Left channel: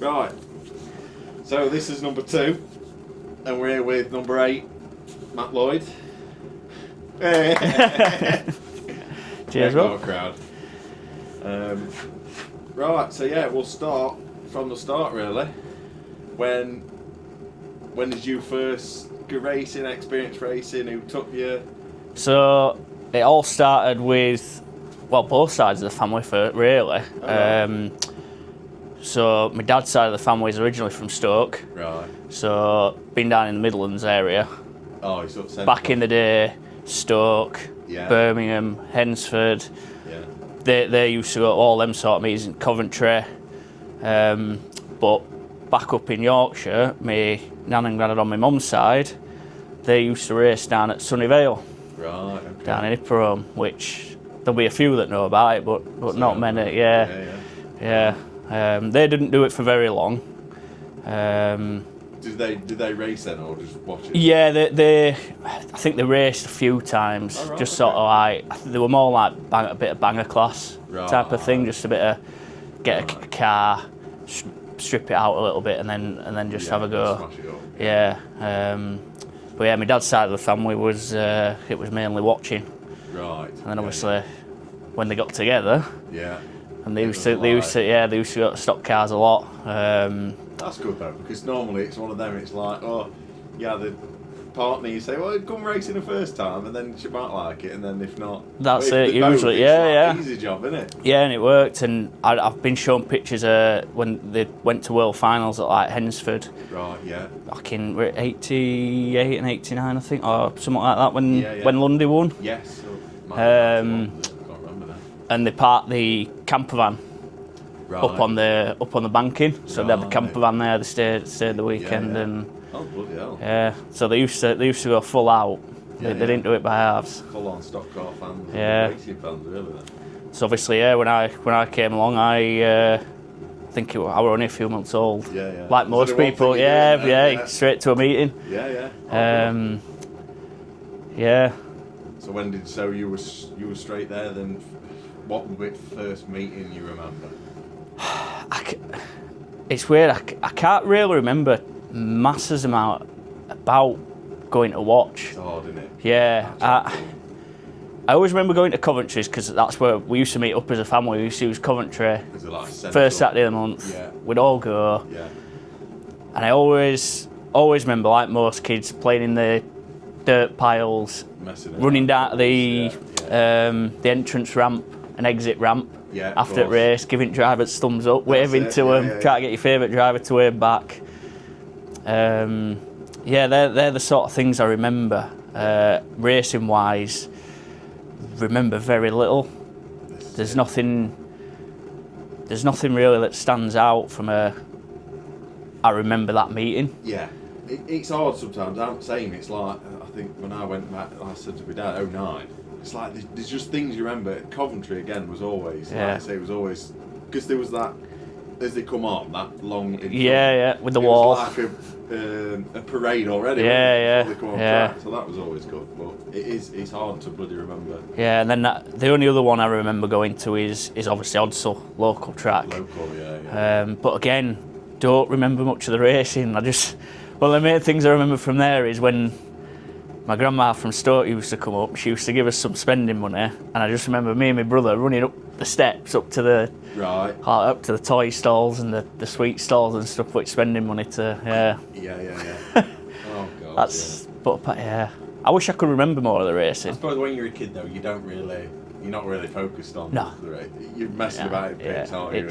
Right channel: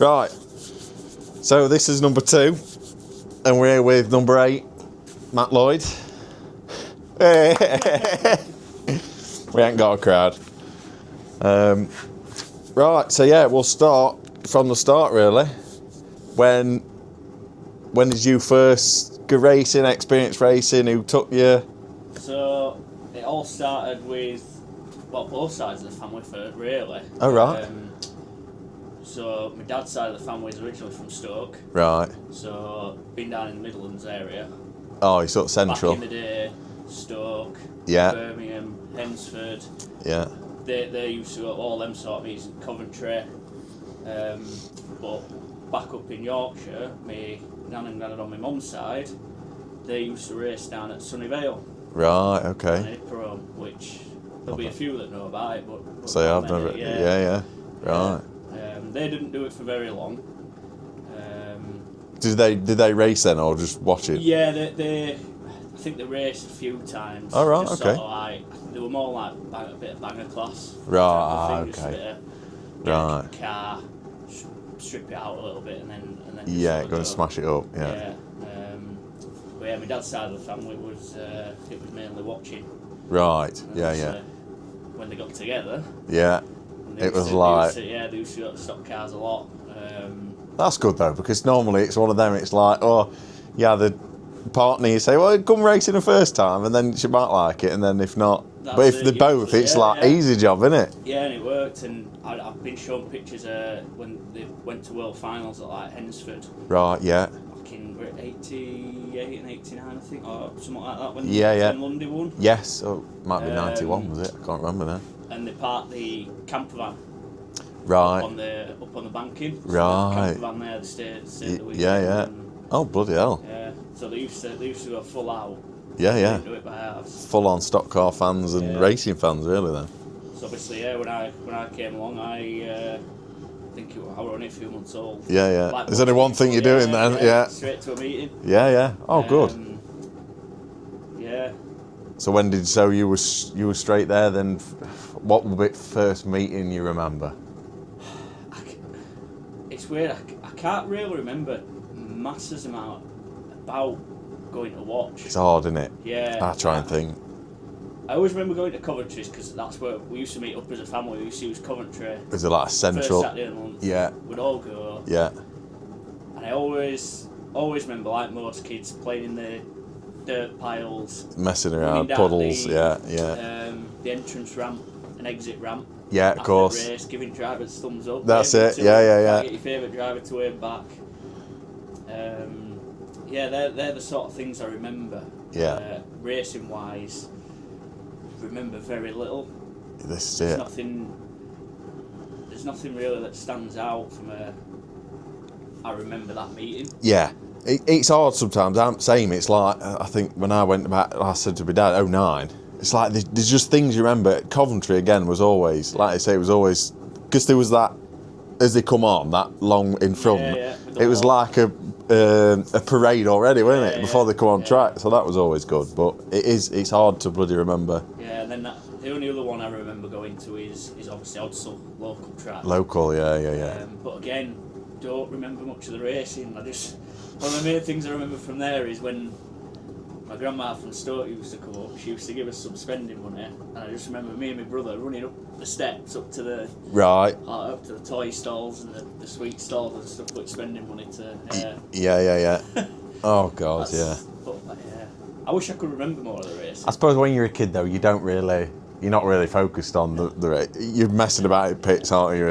Right. So this is number 2, and we're here with number 8, Matt Lloyd. We ain't got a crowd. Right, so yeah, we'll start from the start really. When did you first go racing, experience racing? Who took you? So it all started with, well, both sides of the family really. Oh, right. So my dad's side of the family is originally from Stoke. Right. So been down in the Midlands area. Oh, you're sort of central. Back in the day, Stoke, Yeah. Birmingham, Hensford. Yeah. They used to go to all them sort of meetings in Coventry. But back up in Yorkshire, my nan and granddad on my mum's side, they used to race down at Sunnyvale. Right, okay. Down in Ipperham, which there'll be a few that know about it, but So not many. Yeah. Right. They didn't do it for very long. Did they race then, or just watch it? Yeah, they I think they raced a few times. Oh, right, just okay. sort of like, they were more like a bit of banger class type of thing, just a bit of get a car, strip it out a little bit, and then just have a go. Smash it up. Yeah. But yeah, my dad's side of the family was it was mainly watching. Right. And then obviously when they got together. Yeah. And they used to go to Stoxkarts a lot. That's good though, because normally it's one of them. It's like, the partner, you say, well, come racing the first time, and then she might like it, and then if not, that's but if it, they both, usually. it's easy job, isn't it? Yeah, and it worked. And I've been shown pictures when they went to World Finals at like Hensford. Right. Yeah. Back in 88 and 89, I think, or something like that. When Lloydy won. Yes. Oh, might be 91, was it? I can't remember now. And they parked the camper van up on the banking. So they had the camper van there. They stayed the weekend. Yeah. And oh, bloody hell. Yeah. So they used to go full out. Yeah. They didn't do it by halves. Full on stock car fans and racing fans, really. Then. So obviously, when I came along, I think I were only a few months old. Yeah. Like There's most only one people, thing you're doing then. Yeah. Straight to a meeting. Yeah. Oh, good. Yeah. So when did you were straight there then? What was the first meeting you remember? It's weird. I can't really remember masses amount about going to watch. It's hard, isn't it? Yeah. I try and think. I always remember going to Coventry's because that's where we used to meet up as a family. We used to use Coventry. There's a lot of central. First Saturday of the month. Yeah. We'd all go. Yeah. And I always remember, like most kids, playing in the dirt piles, messing around, running down puddles, the entrance ramp and exit ramp. Yeah, after the race, giving drivers thumbs up, That's waving it. to them, trying to get your favourite driver to wave back. They're the sort of things I remember. Racing wise, remember very little. There's nothing really that stands out from I remember that meeting. Yeah. It's hard sometimes. I'm same. It's like, I think when I went back, I said to my dad, 2009. It's like there's just things you remember. Coventry again was always, like I say, it was always, because there was that, as they come on, that long in front. With the it wall. was like a parade already, wasn't it? Before they come on track. So that was always good. But it's hard to bloody remember. Yeah, and then the only other one I remember going to is obviously Odsal, local track. Local, yeah. But again, don't remember much of the racing. Well, the main things I remember from there is when my grandma from Stoke used to come up. She used to give us some spending money, and I just remember me and my brother running up the steps up to the toy stalls and the sweet stalls and stuff, with spending money to. Yeah. Oh God, But I wish I could remember more of the races. I suppose when you're a kid though, you're not really focused on the race. You're messing about in pits, aren't you?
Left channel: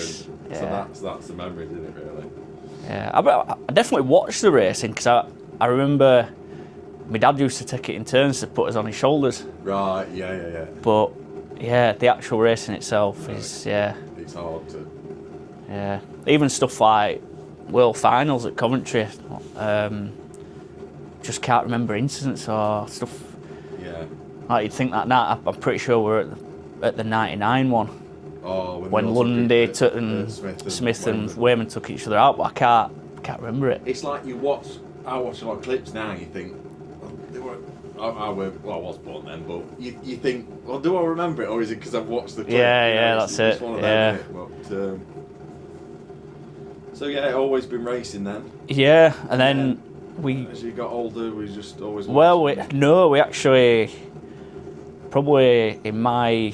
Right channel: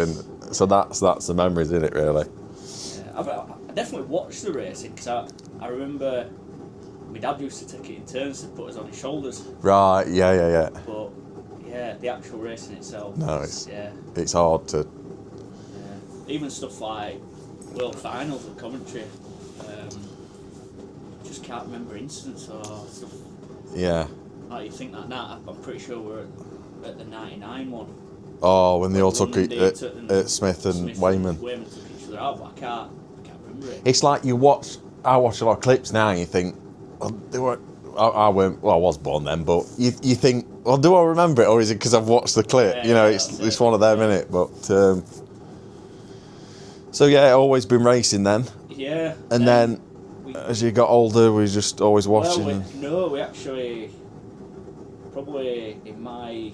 So that's the memories, isn't it? Really. Yeah, I definitely watched the racing because I remember my dad used to take it in turns to put us on his shoulders. Right, yeah. But the actual racing itself it's hard to. Yeah, even stuff like World Finals at Coventry, just can't remember incidents or stuff. Yeah. Like you'd think that now, I'm pretty sure we're at the '99 one. Oh, when they all Lundy took it, Smith and Wayman took each other out, but I can't remember it. It's like I watch a lot of clips now and you think, well, they weren't, I was born then, but you think, well, do I remember it, or is it because I've watched the clip? Yeah, it's one of them, isn't it? But So yeah, always been racing then. Yeah, and then we, as you got older, we just always watching. Well, we actually probably in my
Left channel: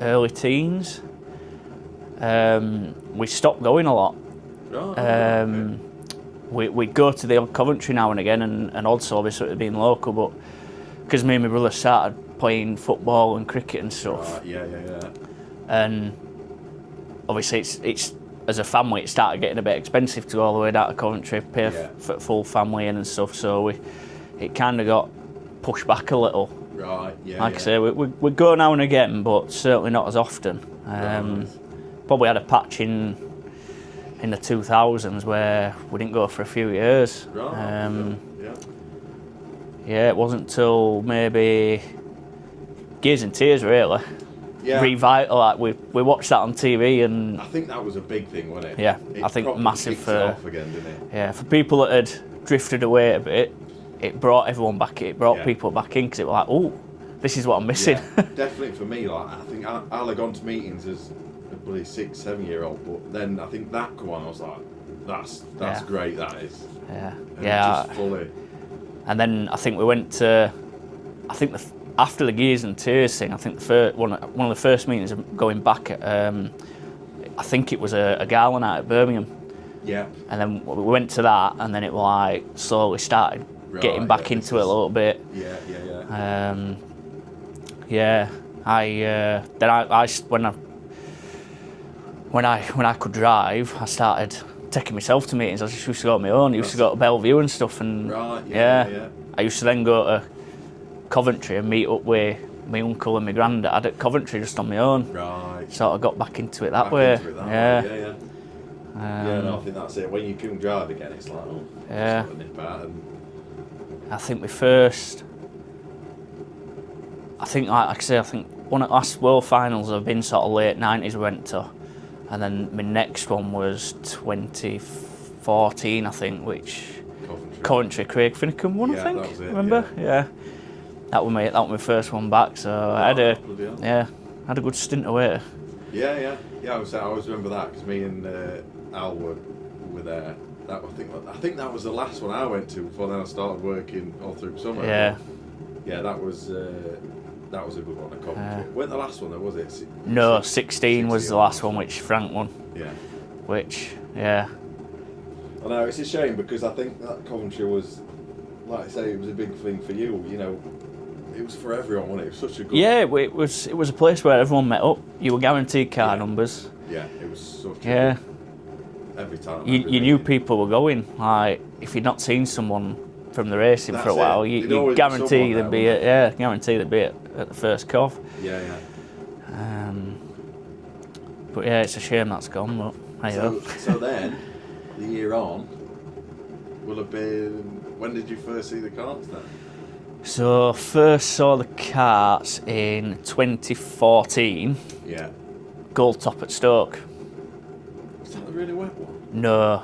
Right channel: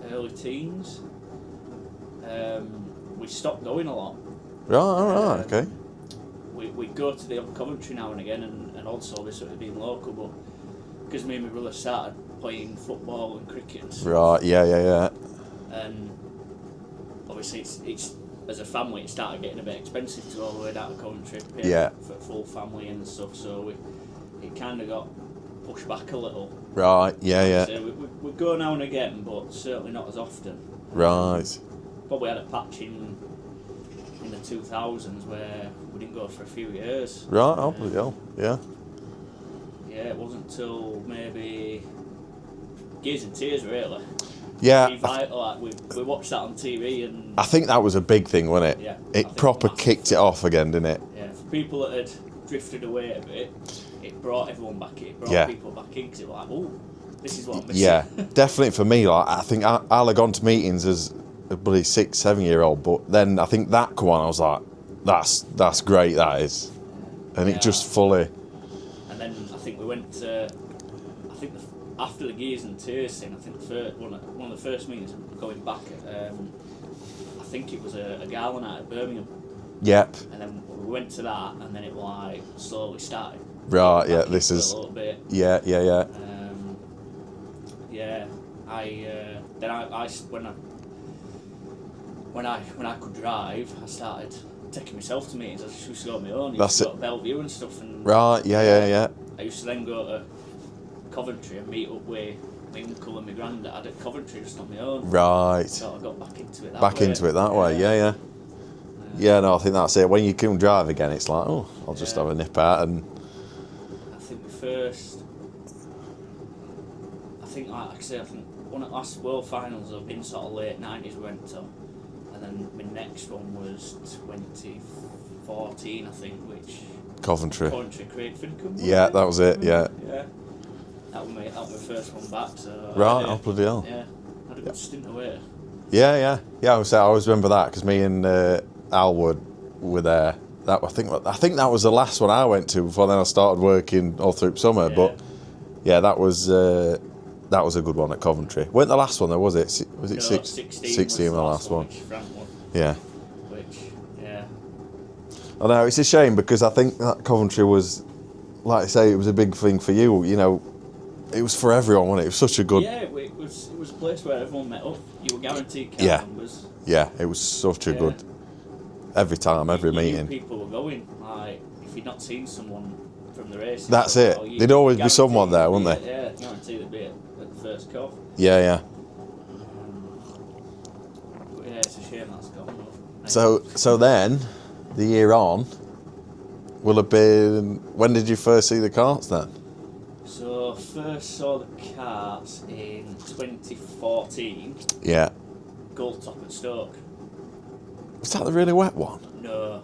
early teens, we stopped going a lot. Right. Okay. We'd go to the old Coventry now and again, and also obviously it had been local, but because me and my brother started playing football and cricket and stuff. Right. Yeah. And obviously it's as a family it started getting a bit expensive to go all the way down to Coventry, pay for full family and stuff. So it kind of got pushed back a little. Right. Yeah. Like I say, we go now and again, but certainly not as often. Right. Probably had a patch in the 2000s where we didn't go for a few years. Right. Yeah. Yeah, it wasn't till maybe Gears and Tears really. Yeah. Revital, like we watched that on TV, and I think that was a big thing, wasn't it? Yeah, it I think proper massive kicked it off again, didn't it? Yeah, for people that had drifted away a bit, it brought everyone back. It brought people back in because it was like, oh, this is what I'm missing. Yeah, definitely for me. Like I think I'll have gone to meetings as a bloody 6-7-year-old, but then I think that come on, I was like, that's great. That is. Yeah. And it just fully. And then I think we went to, after the Gears and Tears thing, I think one of the first meetings going back at, I think it was a gala night at Birmingham. Yep. And then we went to that, and then it like slowly started getting back into it a little bit. Yeah. Yeah. When I could drive, I started taking myself to meetings. I just used to go on my own. I used to go to Bellevue and stuff. And right. Yeah. I used to then go to Coventry and meet up with my uncle and my granddad at Coventry just on my own. Right. Sort of got back into it that way. Yeah. Yeah, no, I think that's it. When you can drive again, it's like, oh, I'll just have a nip out. And I think like I say, I think one of the last World Finals have been sort of late 90s we went to, and then my next one was 2014, I think, which Coventry, Craig Finnecombe won. Yeah, that was it. Remember? Yeah. That was my first one back. So I had a good stint away. Yeah. I always remember that because me and Al were there. I think that was the last one I went to before then I started working all through summer. Yeah. But yeah, that was a good one at Coventry. Weren't the last one though, was it? No, 16 was the last one, which Frank won. Yeah. I know, it's a shame because I think that Coventry was, like I say, it was a big thing for you. You know, it was for everyone, wasn't it? It was such a good. Yeah, it was a place where everyone met up. You were guaranteed car numbers. Yeah, it was such a good. Every time, every meeting. You knew people were going. Like, if you'd not seen someone from the racing for a while, there'd always be someone there, wouldn't there? Yeah, guaranteed they'd be at the first cov. Yeah. But yeah, it's a shame that's gone. But so then, the year on, will have been. When did you first see the karts then? So first saw the karts in 2014. Yeah. Gold top at Stoke. Was that the really wet one? No,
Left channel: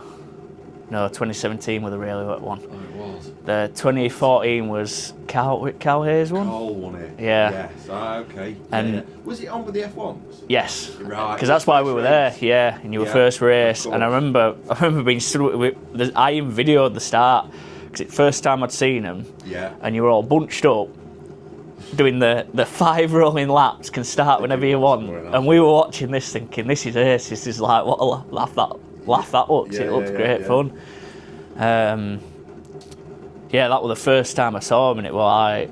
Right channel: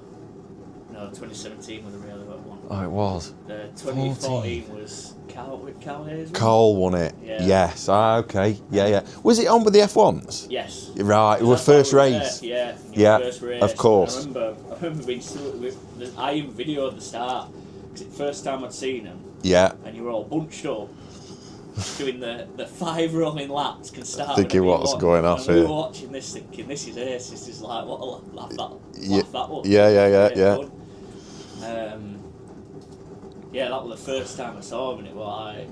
2017 was the really wet one. Oh, it was. The 2014 was Cal Hayes one. Cole won it. Yeah. Yes. Okay. Yeah. Was it on with the F1s? Yes. Right. It was that's first why we were race. There. Yeah, in your first race. Of course. And I remember being stood with. I even videoed the start because it's the first time I'd seen them. Yeah. And you were all bunched up, doing the 5 rolling laps. Can start whenever you want. And we were watching this, thinking, "This is ace. This is like what a laugh that up." Yeah. Fun. That was the first time I saw him, and it was like.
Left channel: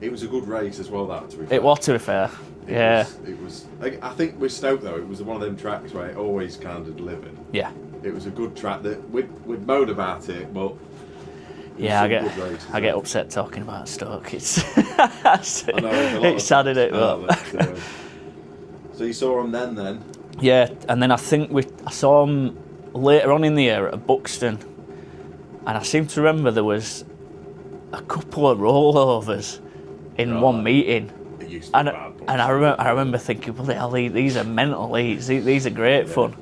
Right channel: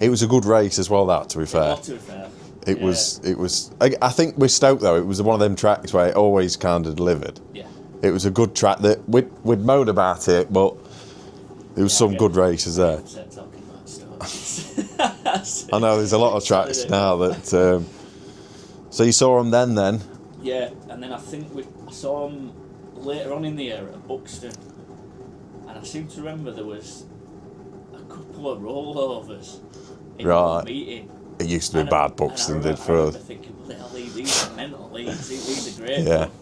It was a good race as well. That, to be fair. It was, to be fair. It was. I think with Stoke though, it was one of them tracks where it always kind of delivered. Yeah. It was a good track that we'd moaned about it, but. There was some good races there. I get upset talking about Stoke. I know, there's a lot of tracks now that... So you saw them then? Yeah, and then I think I saw them later on in the year at Buxton. And I seem to remember there was a couple of rollovers in one meeting. It used to be bad Buxton. And I remember thinking, bloody hell, these are mental. These are great fun.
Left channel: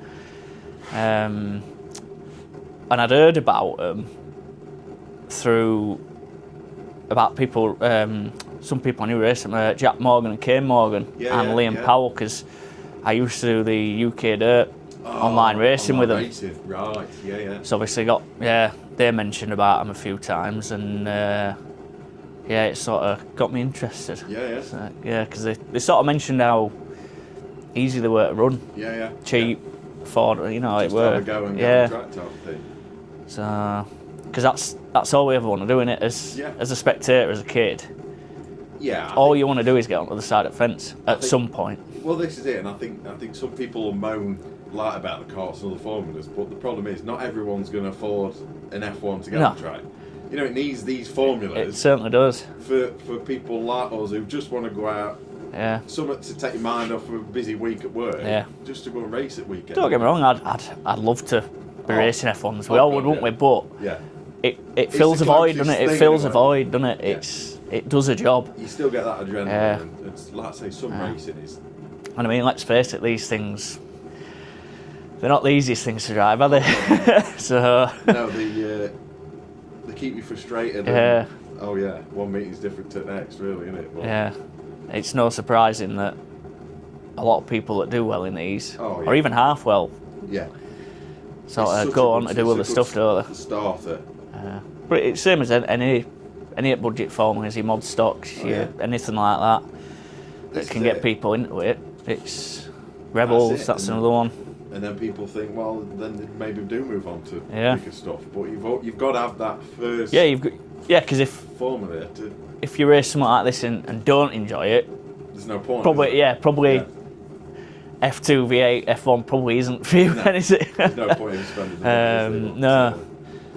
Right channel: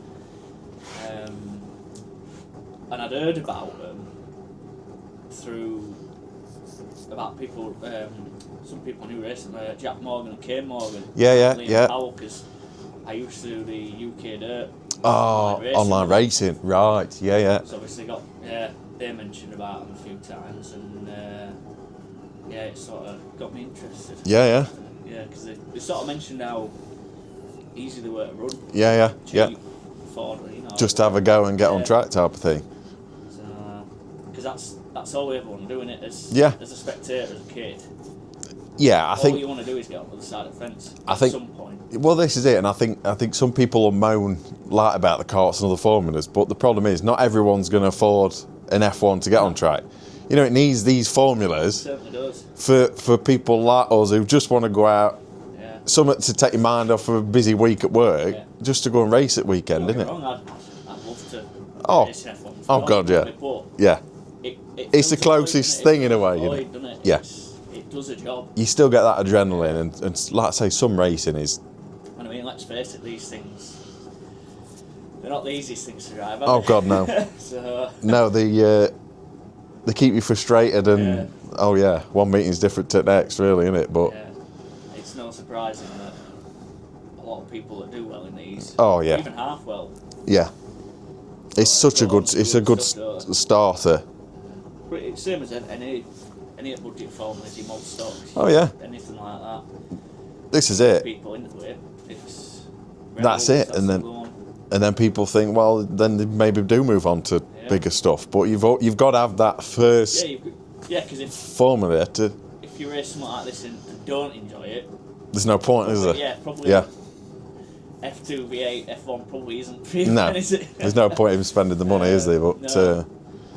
And I'd heard about them through about people, some people I knew racing, Jack Morgan and Kane Morgan, and Liam Powell, because I used to do the UK Dirt online racing online with them. racing, right? Yeah, yeah. So obviously they mentioned about them a few times, and it sort of got me interested. Yeah, yeah. Yeah, because they sort of mentioned how easy they were to run, Yeah, yeah. cheap, yeah. afford, you know. Just have a go and get on track type of thing. So, because that's all we ever want to do, innit? As a spectator, as a kid. Yeah, all you want to do is get on the other side of the fence at some point. Well, this is it, and I think some people will moan like about the karts and other formulas, but the problem is not everyone's going to afford an F1 to get on track. You know, it needs these formulas. It certainly does. For people like us who just want to go out, something to take your mind off of a busy week at work, just to go and race at weekend. Don't get me wrong, I'd love to be racing F1s. We all would, wouldn't we? But it fills a void, doesn't it? It fills a void, doesn't it? Yeah. It does a job. You still get that adrenaline, and like I say, some racing is. And I mean, let's face it, these things, they're not the easiest things to drive, are they? Oh God, no. So no, they keep you frustrated, and one meeting's different to the next, really, isn't it? But it's no surprising that a lot of people that do well in these, or even half well, it's such a good starter. But it's same as any budget formulas, your mod stocks, anything like that. This is get it. People into it. It's Rebels. That's another one. And then people think, well, then they maybe do move on to bigger stuff. But you've got to have that first. Because formula if you race something like this and don't enjoy it, there's no point. Probably, is there? F2, V8, F1 probably isn't for you. No, there's no point in spending the money, is there? But, no.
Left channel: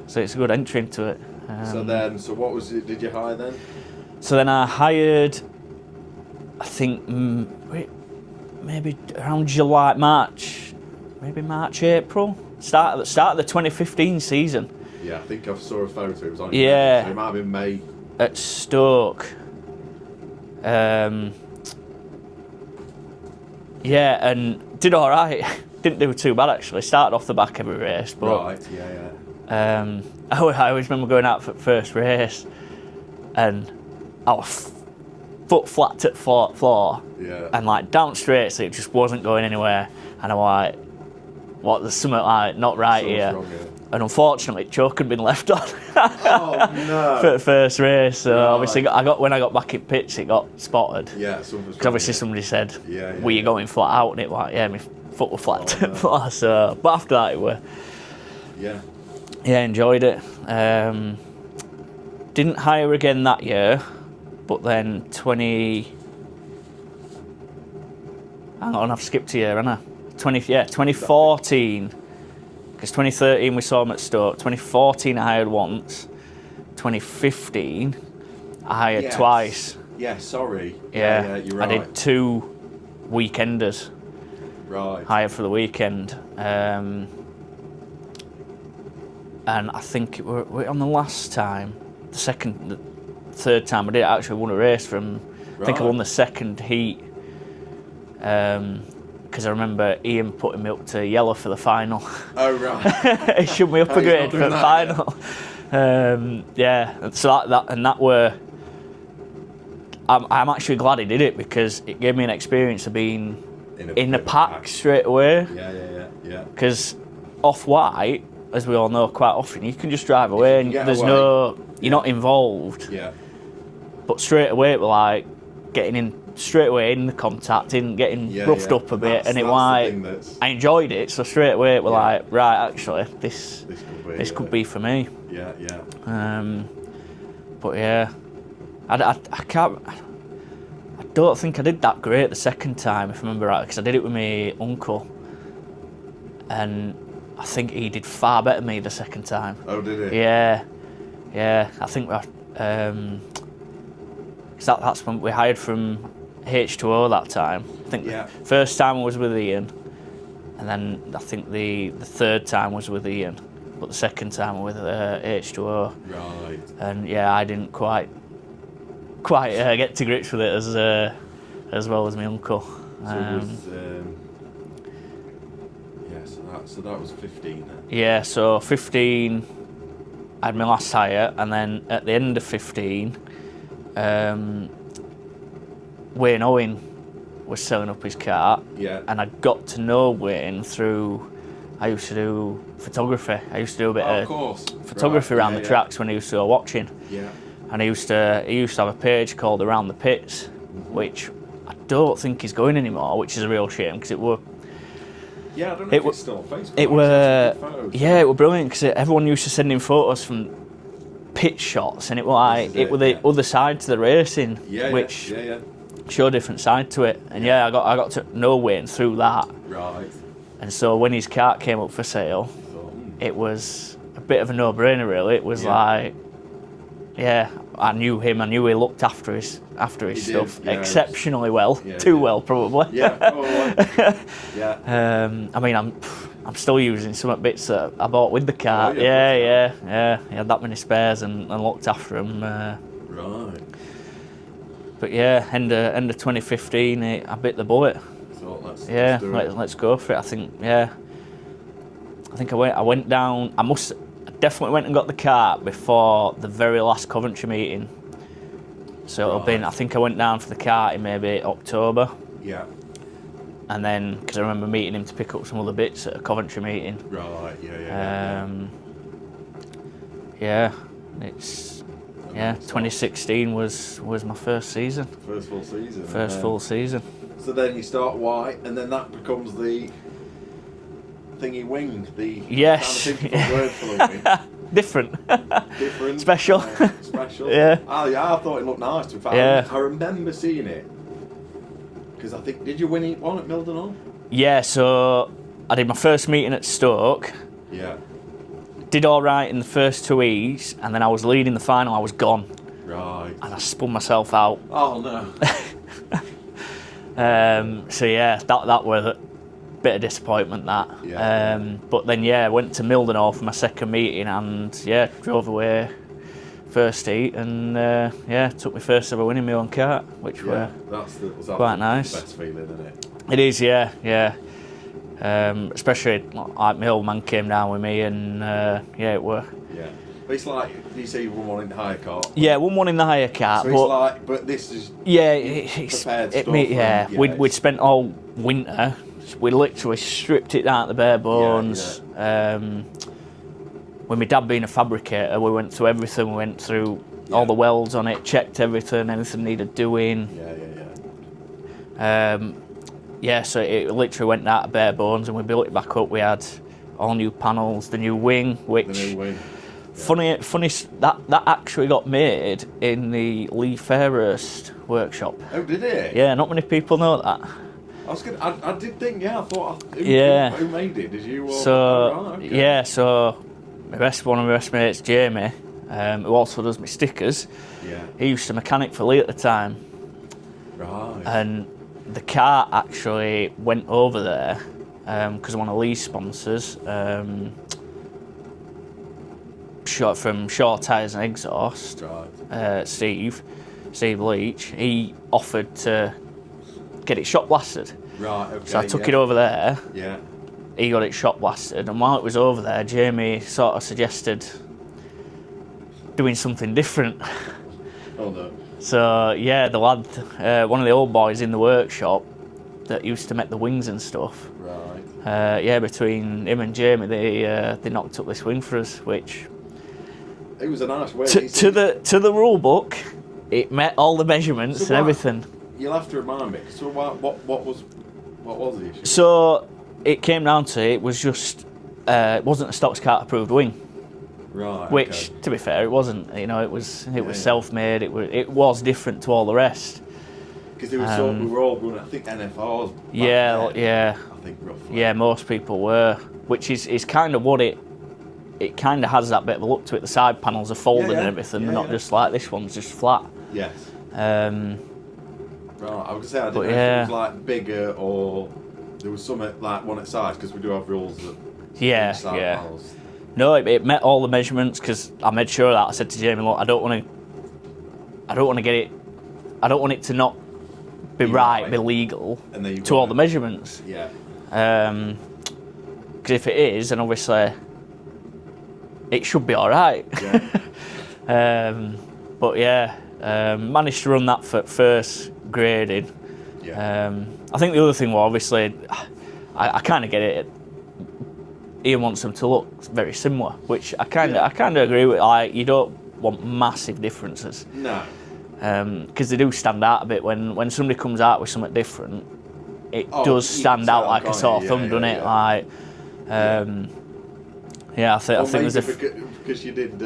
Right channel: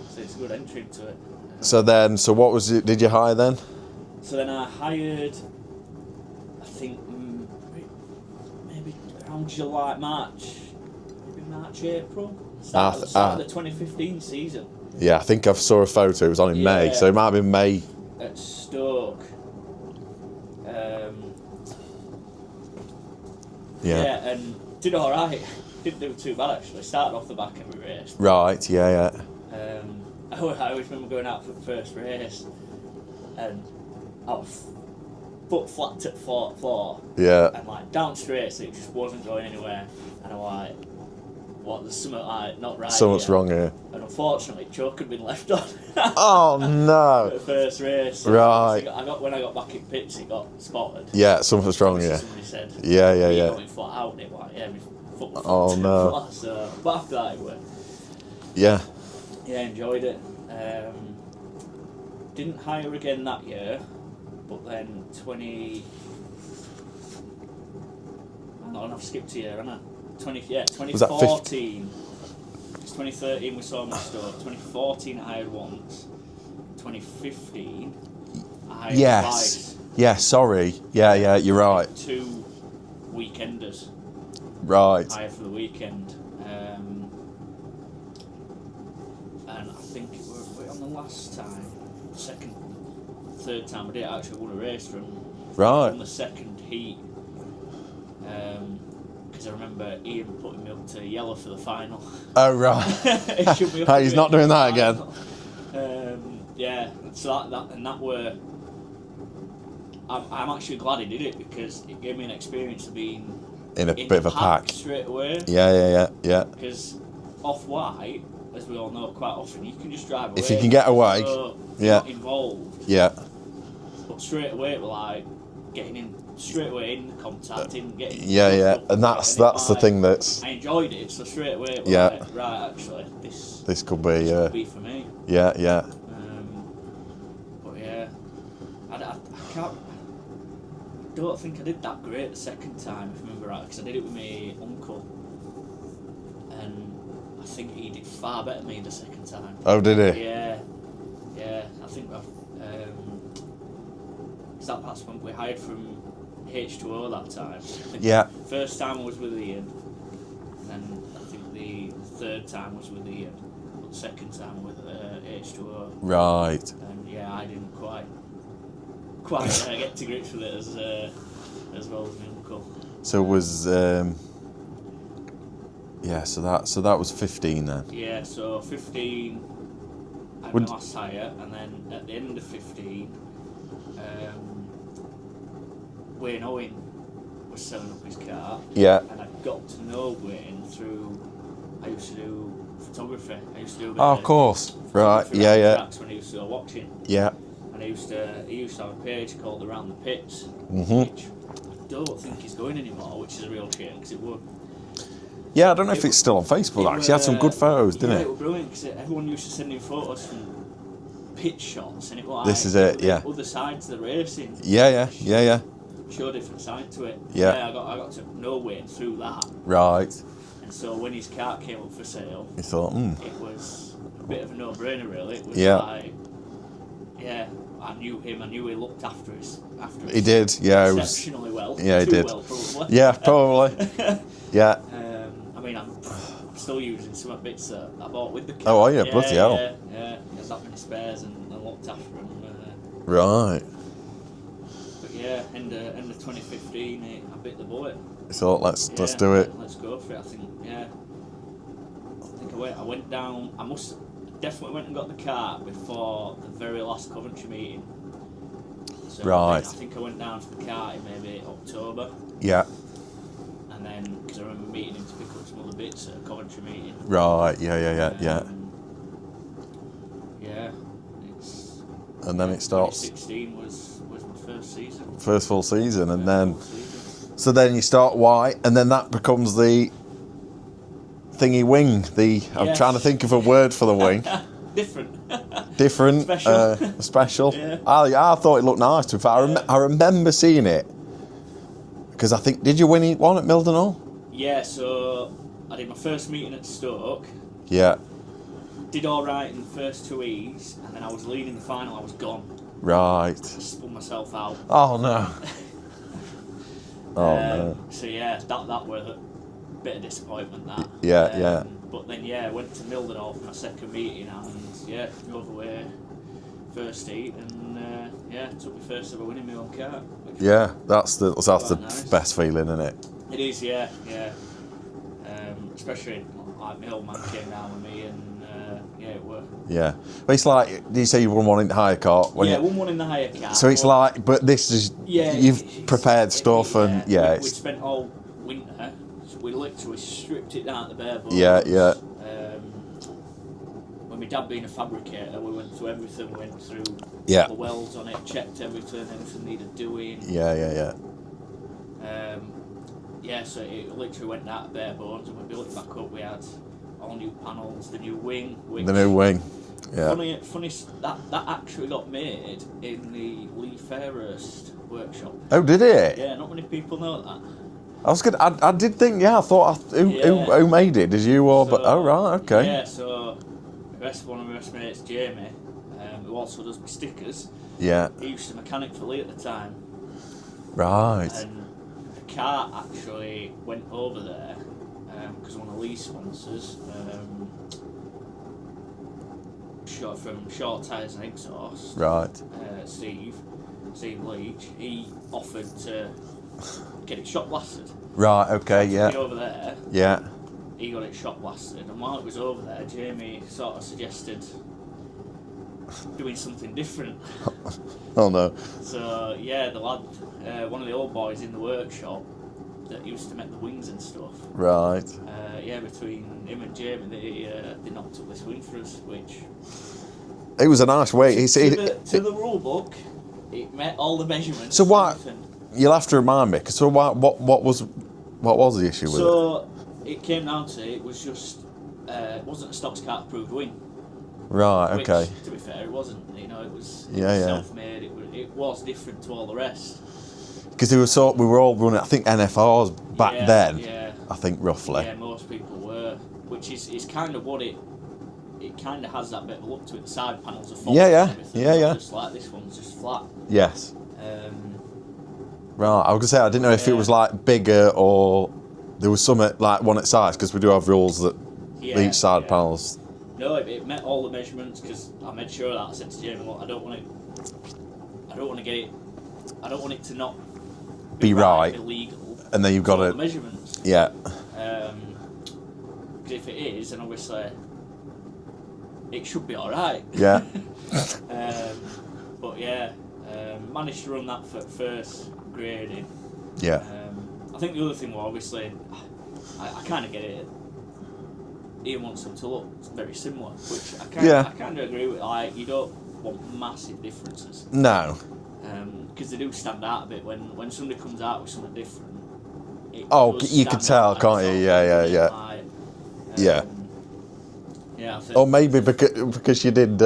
So it's a good entry into it. So what was it? Did you hire then? So then I hired, I think, maybe around July, March, April. Start of the 2015 season. Yeah, I think I saw a photo. It was on in May, so it might have been May. At Stoke. And did all right. Didn't do too bad actually. Started off the back every race. Right. Yeah. I always remember going out for the first race, and I was foot flat to the floor. Yeah. And like down straight, so it just wasn't going anywhere. And I'm like, what? There's something like not right Something's here. wrong here. And unfortunately, choke had been left on. Oh no! For the first race, so right. obviously when I got back in pits, it got spotted. Yeah, something's wrong. Obviously, somebody said, "Were you going flat out?" And it like, my foot was flat to the floor. So, but after that, it were. Yeah. Yeah, enjoyed it. Didn't hire again that year, but then hang on, I've skipped a year, haven't I? 2014. Because 2013 we saw him at Stoke. 2014 I hired once. 2015 I hired twice. Yeah, sorry. Yeah, you're right. I did 2 weekenders. Right. Hired for the weekend. And I think we're on the last time, the third time I did actually won a race from. I think I won the second heat. Because I remember Ian putting me up to yellow for the final. Oh right. He shook me up a He's grade not doing for the that final. So that were. I'm actually glad he did it because it gave me an experience of being in the pack straight away. Yeah. Because off white, as we all know, quite often you can just drive away. If you can get away, you're not involved. Yeah. But straight away, it was like getting in straight away in the contact, getting roughed up a bit, and that's the thing that's. I enjoyed it, so straight away it was like, right, actually, this could be could be for me. Yeah. But yeah, I can't. I don't think I did that great the second time, if I remember right, because I did it with my uncle, and I think he did far better than me the second time. Oh, did he? Yeah. I think that's when we hired from H2O that time. I think the first time was with Ian, and then I think the third time was with Ian, but the second time was with H2O. Right. And I didn't quite get to grips with it as well as my uncle. So it was so that was 15 then. Yeah, so 15 I had my last hire, and then at the end of 15 Wayne Owen was selling up his car. Yeah. And I got to know Wayne through I used to do photography. I used to do a bit of course. photography Right. around Yeah, the tracks when I used to go watching. Yeah. And he used to have a page called Around the Pits, which I don't think is going anymore, which is a real shame because it were. Yeah, I don't know if it's still on Facebook. It Actually, had some good photos. Yeah, it was brilliant because everyone used to send in photos from pit shots, and it was like This is was the other side to the racing. Which Yeah. showed a different side to it. And Yeah. I got to know Wayne through that. Right. And so when his kart came up for sale, You thought, it was a bit of a no-brainer, really. It was Yeah. like, I knew him. I knew he looked after his He did, stuff yeah, exceptionally well. Yeah, he Too did. well, probably. Yeah, probably. Yeah. I mean, I'm still using some bits that I bought with the Oh, car. are you? Bloody hell. Yeah. He had that many spares and looked after them. Right. But yeah, end of 2015, I bit the bullet. Thought, let's do it. Let's go for it. I think I went down. I definitely went and got the car before the very last Coventry meeting. So I think I went down for the car in maybe October. Yeah. And then, because I remember meeting him to pick up some other bits at a Coventry meeting. Right. Yeah. Yeah. It's. And then it starts. 2016 was my first season. First full season, and then full season. So then you start white, and then that becomes the thingy wing. I'm trying to think of a word for the wing. Different. Special. Special. Yeah. I thought it looked nice. To be fair. I remember seeing it because I think, did you win one at Mildenhall? Yeah. So I did my first meeting at Stoke. Yeah. Did all right in the first 2 E's, and then I was leading the final. I was gone. Right. And I spun myself out. Oh no. So yeah, that was a bit of disappointment. That. Yeah. But then I went to Mildenhall for my second meeting, and drove away first heat, and took my first ever win in my own kart, which was that's the nice. best feeling, isn't it? It is, yeah. Especially like my old man came down with me, and it were. Yeah, but it's like, did you say you won one in the hire kart? Won one in the hire kart. So it's like, but this is you've prepared stuff. We'd spent all winter. We literally stripped it down to the bare bones. With my dad being a fabricator, we went through everything. We went through all the welds on it, checked everything, anything needed doing. So it literally went out of bare bones, and we built it back up. We had all new panels, the new wing, The new wing. Yeah. Funny that actually got made in the Lee Fairhurst workshop. Oh, did it? Yeah, not many people know that. I was good. I did think. I thought. Who made it? Did you or? Right. Okay. Yeah. So one of my best mates, Jamie, who also does my stickers. Yeah. He used to mechanic for Lee at the time. Right. And the car actually went over there because one of Lee's sponsors, from Shore Tyres and Exhaust, right. Steve Leach, he offered to get it shot blasted. Right. Okay. So I took it over there. Yeah. He got it shot blasted, and while it was over there, Jamie sort of suggested doing something different. Oh no. So the lad, one of the old boys in the workshop that used to make the wings and stuff. Right. Between him and Jamie, they knocked up this wing for us, which it was a nice way. To the rule book, it met all the measurements and everything. You'll have to remind me. So what was the issue? So it came down to it was just it wasn't a Stoxkart approved wing. Right. Which, okay. to be fair, it wasn't. It was self-made. It was different to all the rest. Because we were all running, I think, NFRs back then. Yeah. I think roughly. Yeah, most people were, which is kind of what it kind of has that bit of a look to it. The side panels are folded and everything, not just like this one's just flat. Yes. Right, I was gonna say I didn't know if it was like bigger or there was some like one at size, because we do have rules that each side panels. No, it met all the measurements, because I made sure of that. I said to Jamie, look, I don't want to get it. I don't want it to not be right, be legal. And then you've got all the measurements. Yeah. Because if it is, then obviously it should be all right. Yeah. But managed to run that for first graded. Yeah. I think the other thing was, obviously, I kind of get it. Ian wants them to look very similar, which I kind of agree with. Like, you don't want massive differences. No. Because they do stand out a bit when somebody comes out with something different. It does you can stand tell, out like a can't sore you? thumb, doesn't it? Yeah. Like, I think. Or I think maybe there's because you did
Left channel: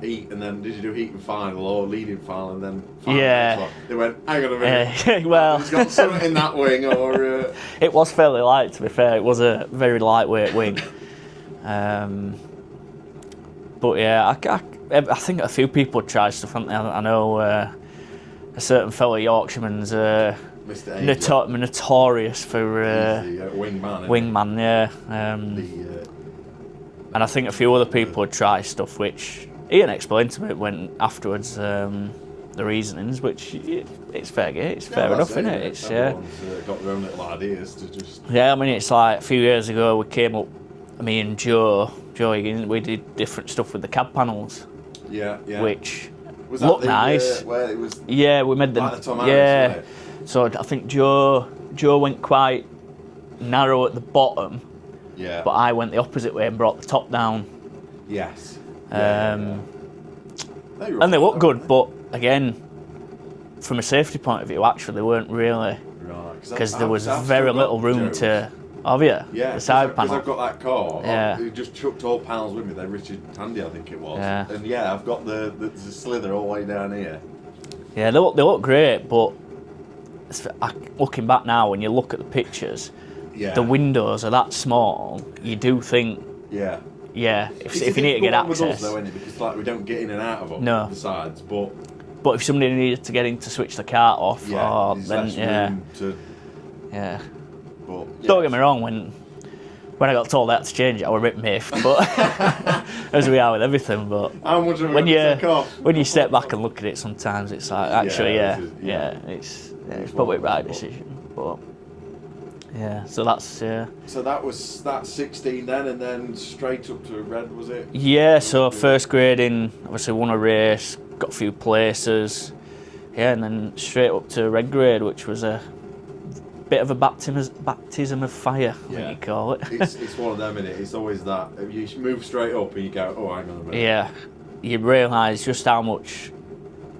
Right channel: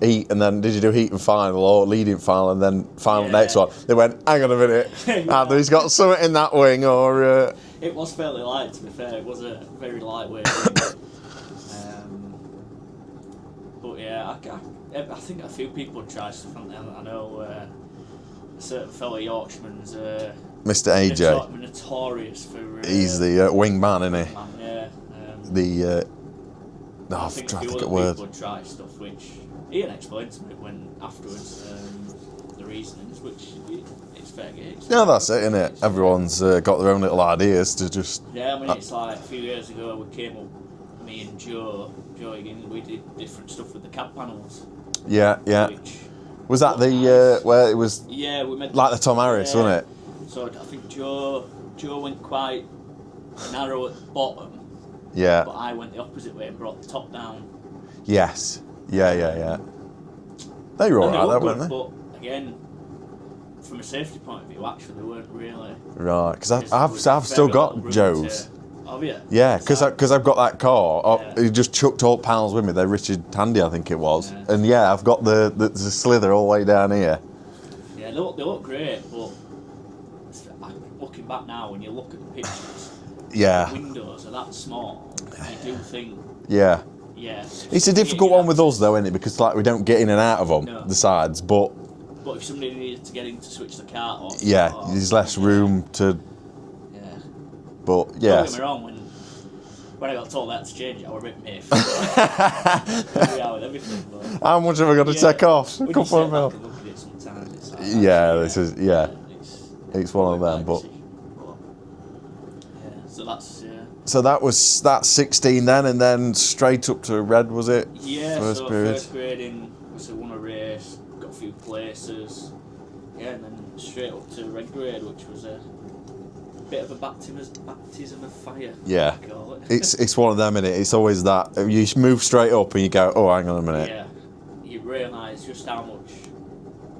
heat, and then did you do heat and final, or leading final, and then final next one? They went, hang on a minute, Well, he's got something in that wing, or... It was fairly light, to be fair. It was a very lightweight wing. But yeah, I think a few people tried stuff, haven't they? I know a certain fellow Yorkshireman's Mr. AJ. Notorious for... he's the wingman, isn't wingman, yeah. And I think a few other people would try stuff which Ian explained to me when afterwards the reasonings, which it's fair game. It's fair that's enough, it, isn't it? Everyone's got their own little ideas to just... Yeah, I mean, it's like a few years ago we came up, me and Joe Higgins, we did different stuff with the cab panels. Yeah. Which was that the nice. where it was? Yeah, we made like the Tom Harris, wasn't it? So I think Joe went quite narrow at the bottom. Yeah. But I went the opposite way and brought the top down. Yes. Yeah. They were all and they right, looked good, weren't they? but again, from a safety point of view, actually, they weren't really. Right, because there was I've very still got little room Joe's. to. Have you? Yeah, because I've got that car. Yeah. He just chucked all panels with me. They're Richard Tandy, I think it was. Yeah. And yeah, I've got the slither all the way down here. Yeah, they look great, but looking back now, when you look at the pictures, Yeah. the windows are that small. You do think, Yeah. yeah. It's a if you need to difficult get one with us access- though, isn't it? Because like we don't get in and out of them, No. the sides. But But if somebody needed to get in to switch the cart off, yeah, there's less room to. Yeah. But yeah. Don't get me wrong, when I got told I had to change it, I was a bit miffed, but as we are with everything. But how much have I got to take off? When you step back and look at it, sometimes it's like actually, it's probably a bad decision. But yeah, so that's So that's 16 then, and then straight up to red, was it? Yeah. First grading, obviously won a race, got a few places, and then straight up to red grade, which was a bit of a baptism of fire. Yeah, you call it. it's one of them, innit? It's always that you move straight up and you go, oh, hang on a minute. Yeah, you realise just how much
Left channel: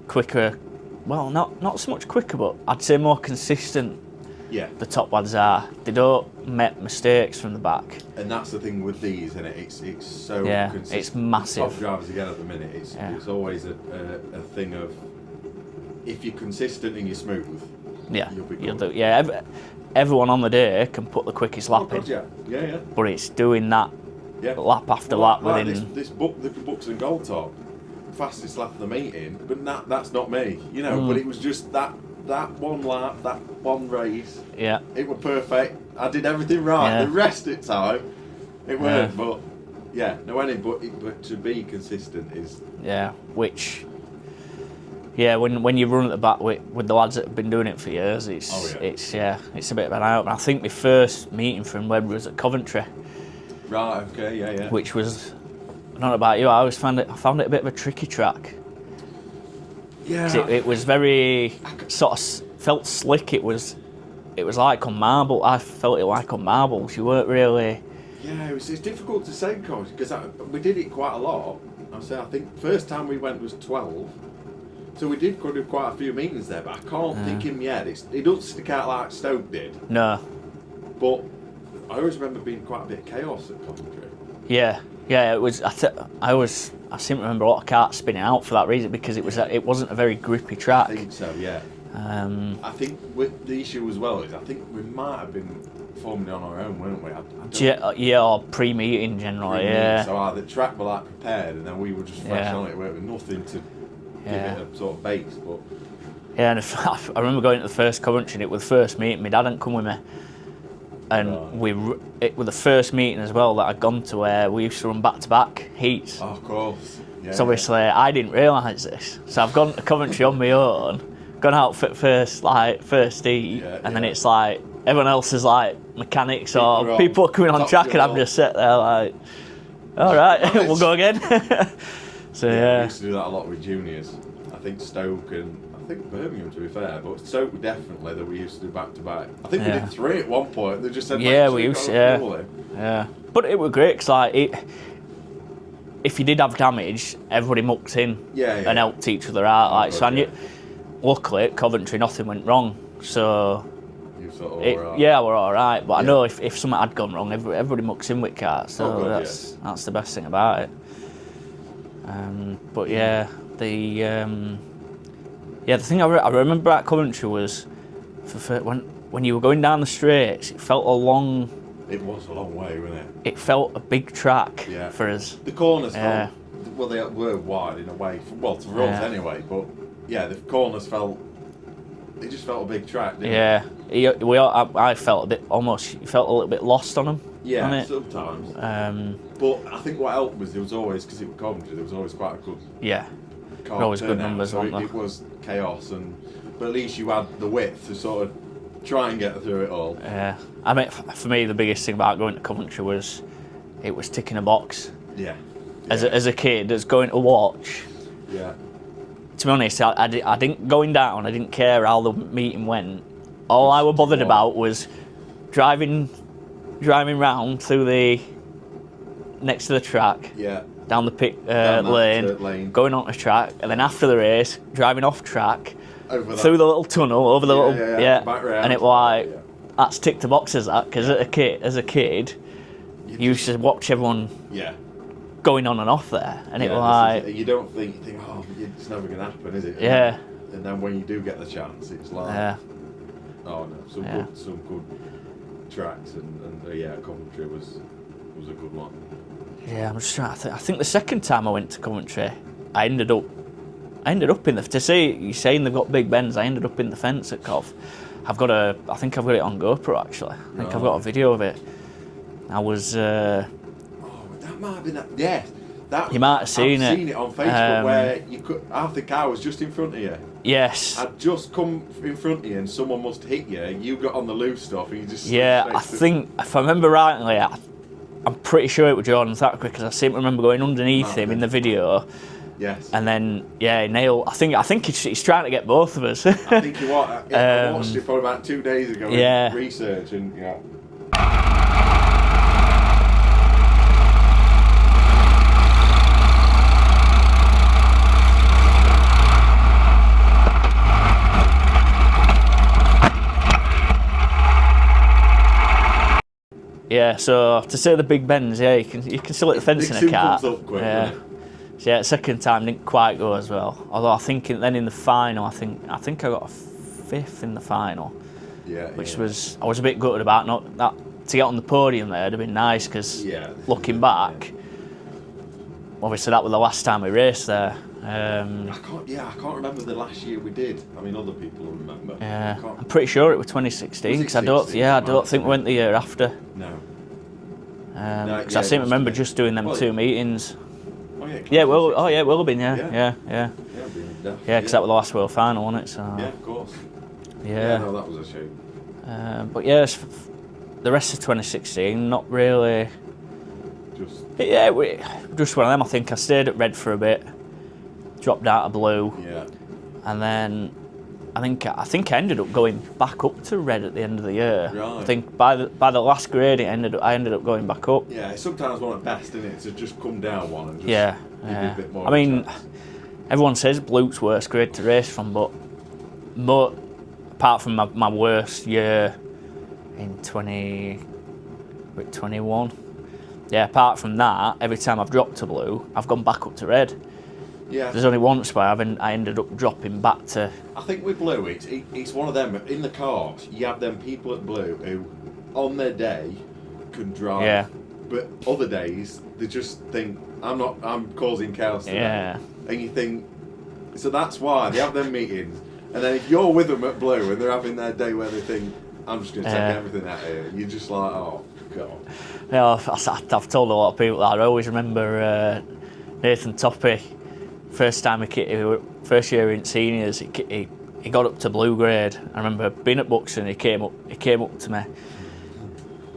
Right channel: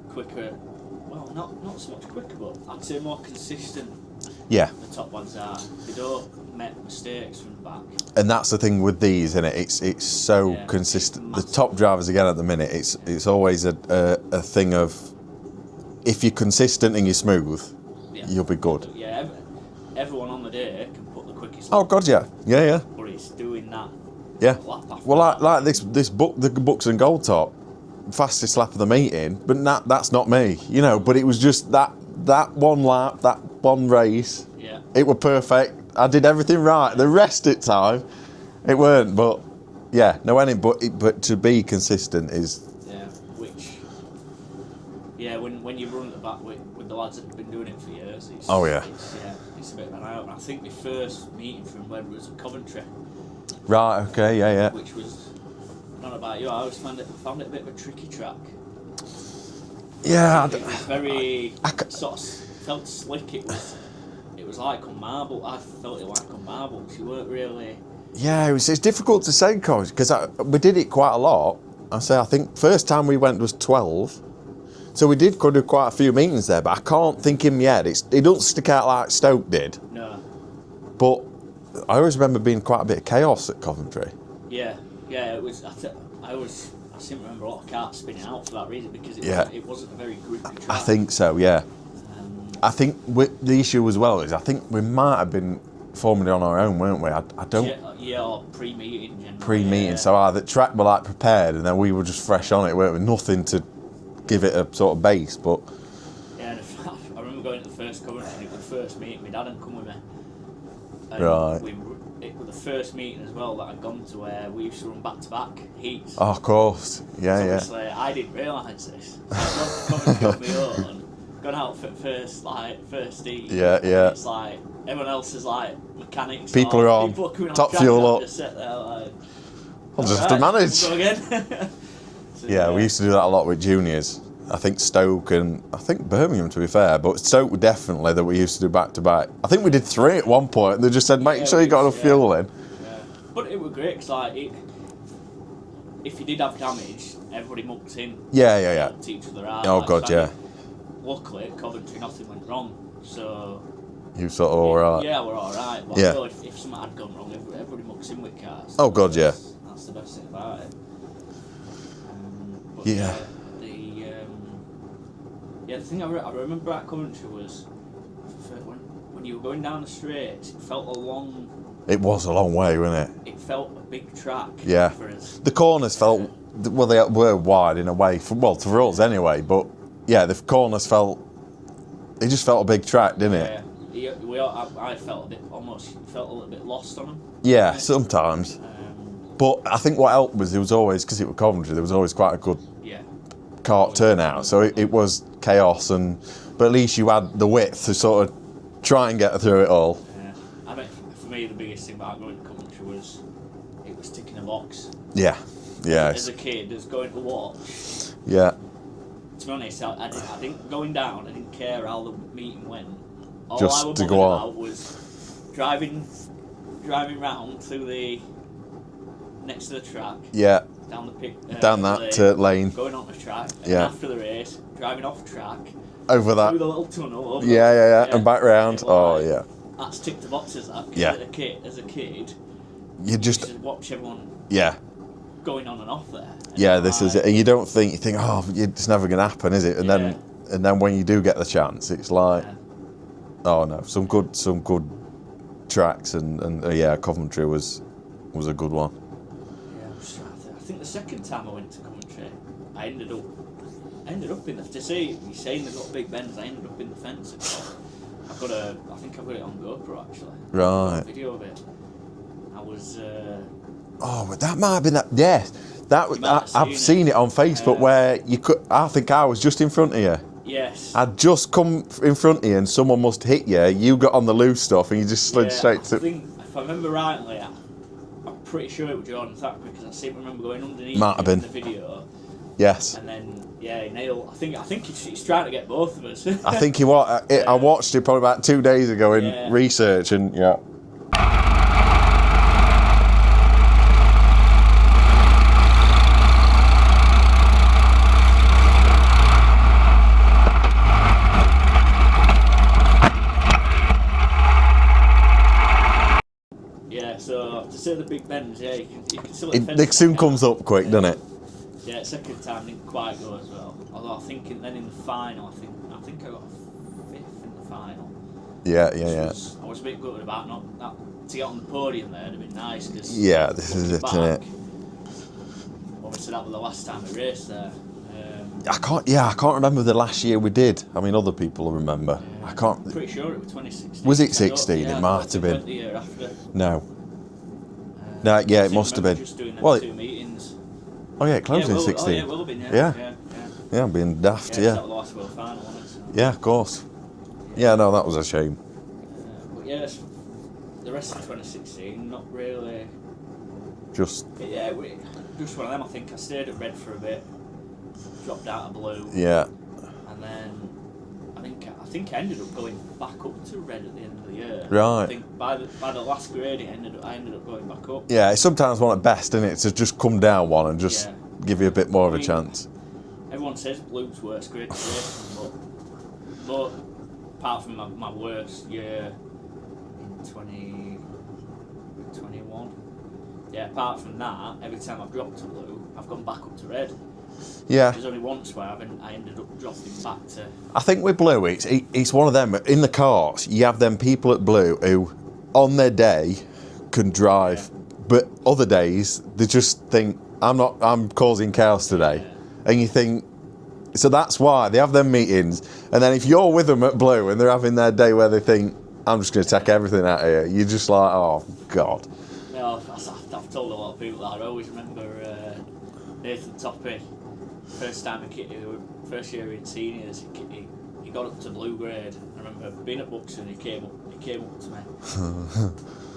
quicker. Well, not so much quicker, but I'd say more consistent. Yeah. The top ones are. They don't make mistakes from the back. And that's the thing with these, isn't it? It's so consistent. It's the top drivers again at the minute, it's always a thing of if you're consistent and you're smooth, you'll be good. Everyone on the day can put the quickest lap. Oh God, in, yeah. But it's doing that lap after well, lap. like this book, the Bucks and Gold Top, fastest lap of the meeting, but that's not me, you know. But it was just that one lap, that one race. Yeah. It was perfect. I did everything right. Yeah. The rest of the time, it weren't. But yeah, but to be consistent is which. Yeah, when you run at the back with the lads that have been doing it for years, it's it's a bit of an eye opener. I think my first meeting from Webber was at Coventry. Right. Okay. Yeah. Which was, I don't know about you, I always found it a bit of a tricky track. Yeah. It was very sort of felt slick. It was like on marble. I felt it like on marbles. You weren't really. Yeah, it's difficult to say, coach, because we did it quite a lot. I think first time we went was 12. So we could do quite a few meetings there, but I can't think him yet. It doesn't stick out like Stoke did. No. But I always remember being quite a bit of chaos at Coventry. Yeah. It was. I seem to remember a lot of karts spinning out for that reason because it wasn't a very grippy track. I think so. Yeah. I think the issue as well is I think we might have been forming it on our own, weren't we? I don't. Yeah, or pre-meeting generally. Pre-meeting, so the track were like prepared, and then we were just fresh on it, weren't we? Nothing to give it a sort of base, but yeah. And I remember going to the first Coventry, and it was the first meeting. My dad hadn't come with me, and it was the first meeting as well that I'd gone to where we used to run back-to-back heats. Oh, of course, yeah. So obviously I didn't realise this, so I've gone to Coventry on my own, gone out for first heat, and then it's like everyone else is like mechanics people are coming on track, and I'm just sitting there like, all right, we'll go again. So, we used to do that a lot with juniors. I think Stoke and I think Birmingham, to be fair, but Stoke were definitely that we used to do back to back. I think we did 3 at one point. They just said, make sure you got enough fuel in. Yeah. But it was great, because, like, if you did have damage, everybody mucked in and helped each other out. Oh, like, God, so yeah. Luckily, at Coventry, nothing went wrong. So... You sort of all right. Yeah, we're all right. But I know if something had gone wrong, everybody mucks in with karts. So that's the best thing about it. But the thing I remember at Coventry was when you were going down the straights, it felt a long. It was a long way, wasn't it? It felt a big track for us. The corners felt well, they were wide in a way for us anyway. But yeah, the corners felt. It just felt a big track, didn't it? Yeah, I felt a little bit lost on them. Yeah, sometimes. But I think what helped was there was always, because it was Coventry, there was always quite a good kart turnout. So it was chaos, but at least you had the width to sort of try and get through it all. Yeah, I mean, for me, the biggest thing about going to Coventry was it was ticking a box. Yeah. As a kid, as going to watch. Yeah. To be honest, I didn't going down. I didn't care how the meeting went. All I was bothered about was driving round through the next to the track. Yeah. Down the down that lane, going on the track, and then after the race, driving off track over that through the little tunnel, over the and back round. And it was that's ticked the boxes. That because as a kid, you used to watch everyone. Yeah. Going on and off there. And this is it. And you think, oh, it's never going to happen, is it? And then when you do get the chance, it's like, oh no, some good tracks, and Coventry was a good one. Yeah, I'm just trying to think. I think the second time I went to Coventry, I ended up in the. To say you're saying they've got big bends, I ended up in the fence at Cov. I think I've got it on GoPro actually. Right. I've got a video of it. I was. Oh, that might have been that. Yeah, that was. I've seen it on Facebook where you could. I think I was just in front of you. Yes. I'd just come in front of you and someone must hit you. You got on the loose stuff and you just slid straight through. I think if I remember rightly, I'm pretty sure it was Jordan Thatcher because I seem to remember going underneath him in the video. Yes. And then Neil. I think he's trying to get both of us. I think he was. I watched it probably about 2 days ago in research and Yeah, so to say the big bends, you can still hit the fence in a car. It soon comes up quick, doesn't it? So second time didn't quite go as well. Although I think then in the final, I think I got a fifth in the final. Which was I was a bit gutted about not that to get on the podium there. It'd have been nice because looking back, obviously that was the last time we raced there. I can't remember the last year we did. I mean, other people remember. Yeah, I'm pretty sure it was 2016. Was it 16? I don't think we went the year after. No. I seem to remember just doing them 2 meetings. Oh yeah, it will have been. Yeah, I'm being daft. Yeah, because that was the last World Final, wasn't it? So. Yeah, of course. Yeah, no, that was a shame. But the rest of 2016, not really. Just one of them. I think I stayed at Red for a bit. Dropped out of Blue. Yeah. And then I think I ended up going back up to Red at the end of the year. Right. I think by the last grade I ended up going back up. Yeah, it's sometimes one at best, isn't it, to just come down one and just give you a bit more of a chance. Everyone says Blue's worst grade to race from, but apart from my worst year in 2021, apart from that, every time I've dropped to Blue, I've gone back up to Red. Yeah. There's only once where I ended up dropping back to. I think with Blue, it's one of them. In the karts, you have them people at Blue who, on their day, can drive, but other days they just think I'm causing chaos today, and you think. So that's why they have them meetings, and then if you're with them at Blue and they're having their day where they think I'm just going to take everything out of you, you're just like, oh God. I've told a lot of people that. I always remember Nathan Toppy. First year in seniors, he got up to Blue grade. I remember being at Buxton. He came up to me,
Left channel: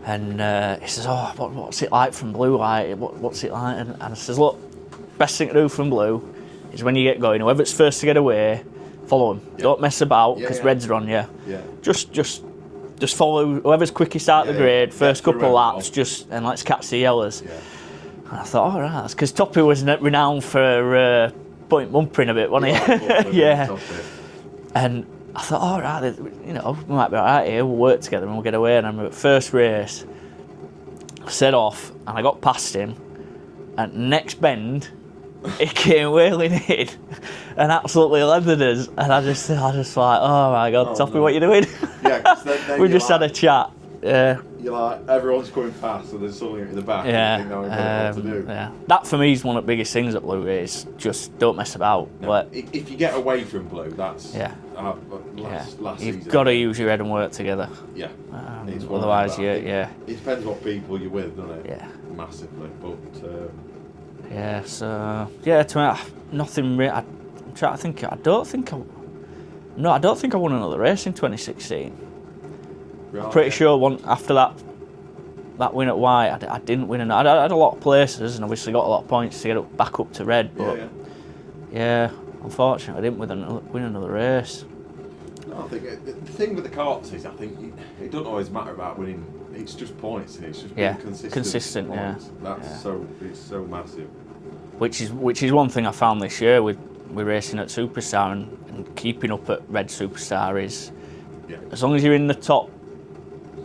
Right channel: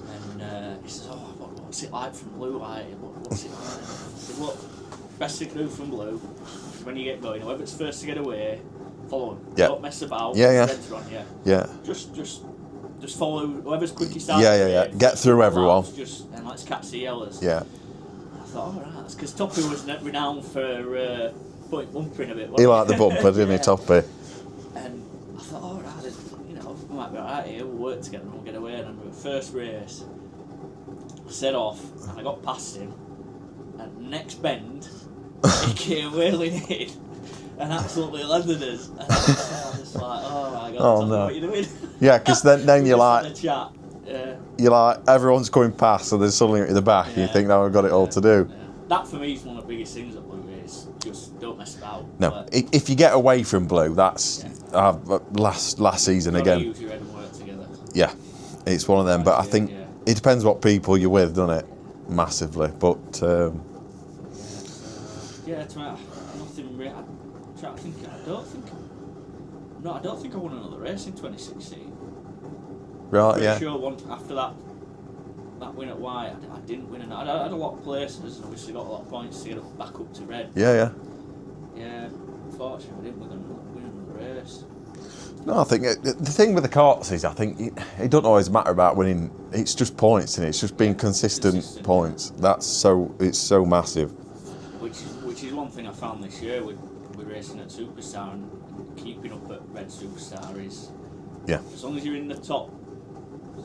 and he says, "Oh, what's it like from Blue? Like, what's it like?" And I says, "Look, best thing to do from Blue is when you get going, whoever's first to get away, follow him. Don't mess about. Yeah. Reds are on you. Yeah. Just just follow whoever's quickest out Yeah, of the yeah, yeah. grade, Get first through couple of everyone. laps, and let's catch the yellers. Yeah. And I thought, all right, that's because Toppy was renowned for bumpering a bit, He wasn't liked the bumper, didn't he, Toppy? And I thought, all right, we might be all right here. We'll work together and we'll get away. And I remember first race, I set off and I got past him. And next bend, he came wheeling in and absolutely leathered us. And I just like, oh my God, Toppy, no. what are you doing? Yeah, because then we you're just like, had a chat. Yeah. You're like, everyone's coming past, and then suddenly at the back, you think, now we've got it all to do. Yeah. That for me is one of the biggest things at Blue is just don't mess about. No, But if you get away from Blue, that's last season you've got to again. use your head and work together. Yeah, it's one of them. But I think yeah. it depends what people you're with, doesn't it? Yeah. Massively. But Yeah, so to me, nothing really. I'm trying to think. I don't think I won another race in 2016. right, Pretty yeah. sure after that win at White, I didn't win. I had a lot of places and obviously got a lot of points to get back up to red. Yeah. Yeah, unfortunately, I didn't win another race. No, I think the thing with the karts is, I think it doesn't always matter about winning. It's just points, and it's just being consistent points. Yeah. It's so massive. Which is one thing I found this year with racing at Superstar and keeping up at Red Superstar is, as long as you're in the top,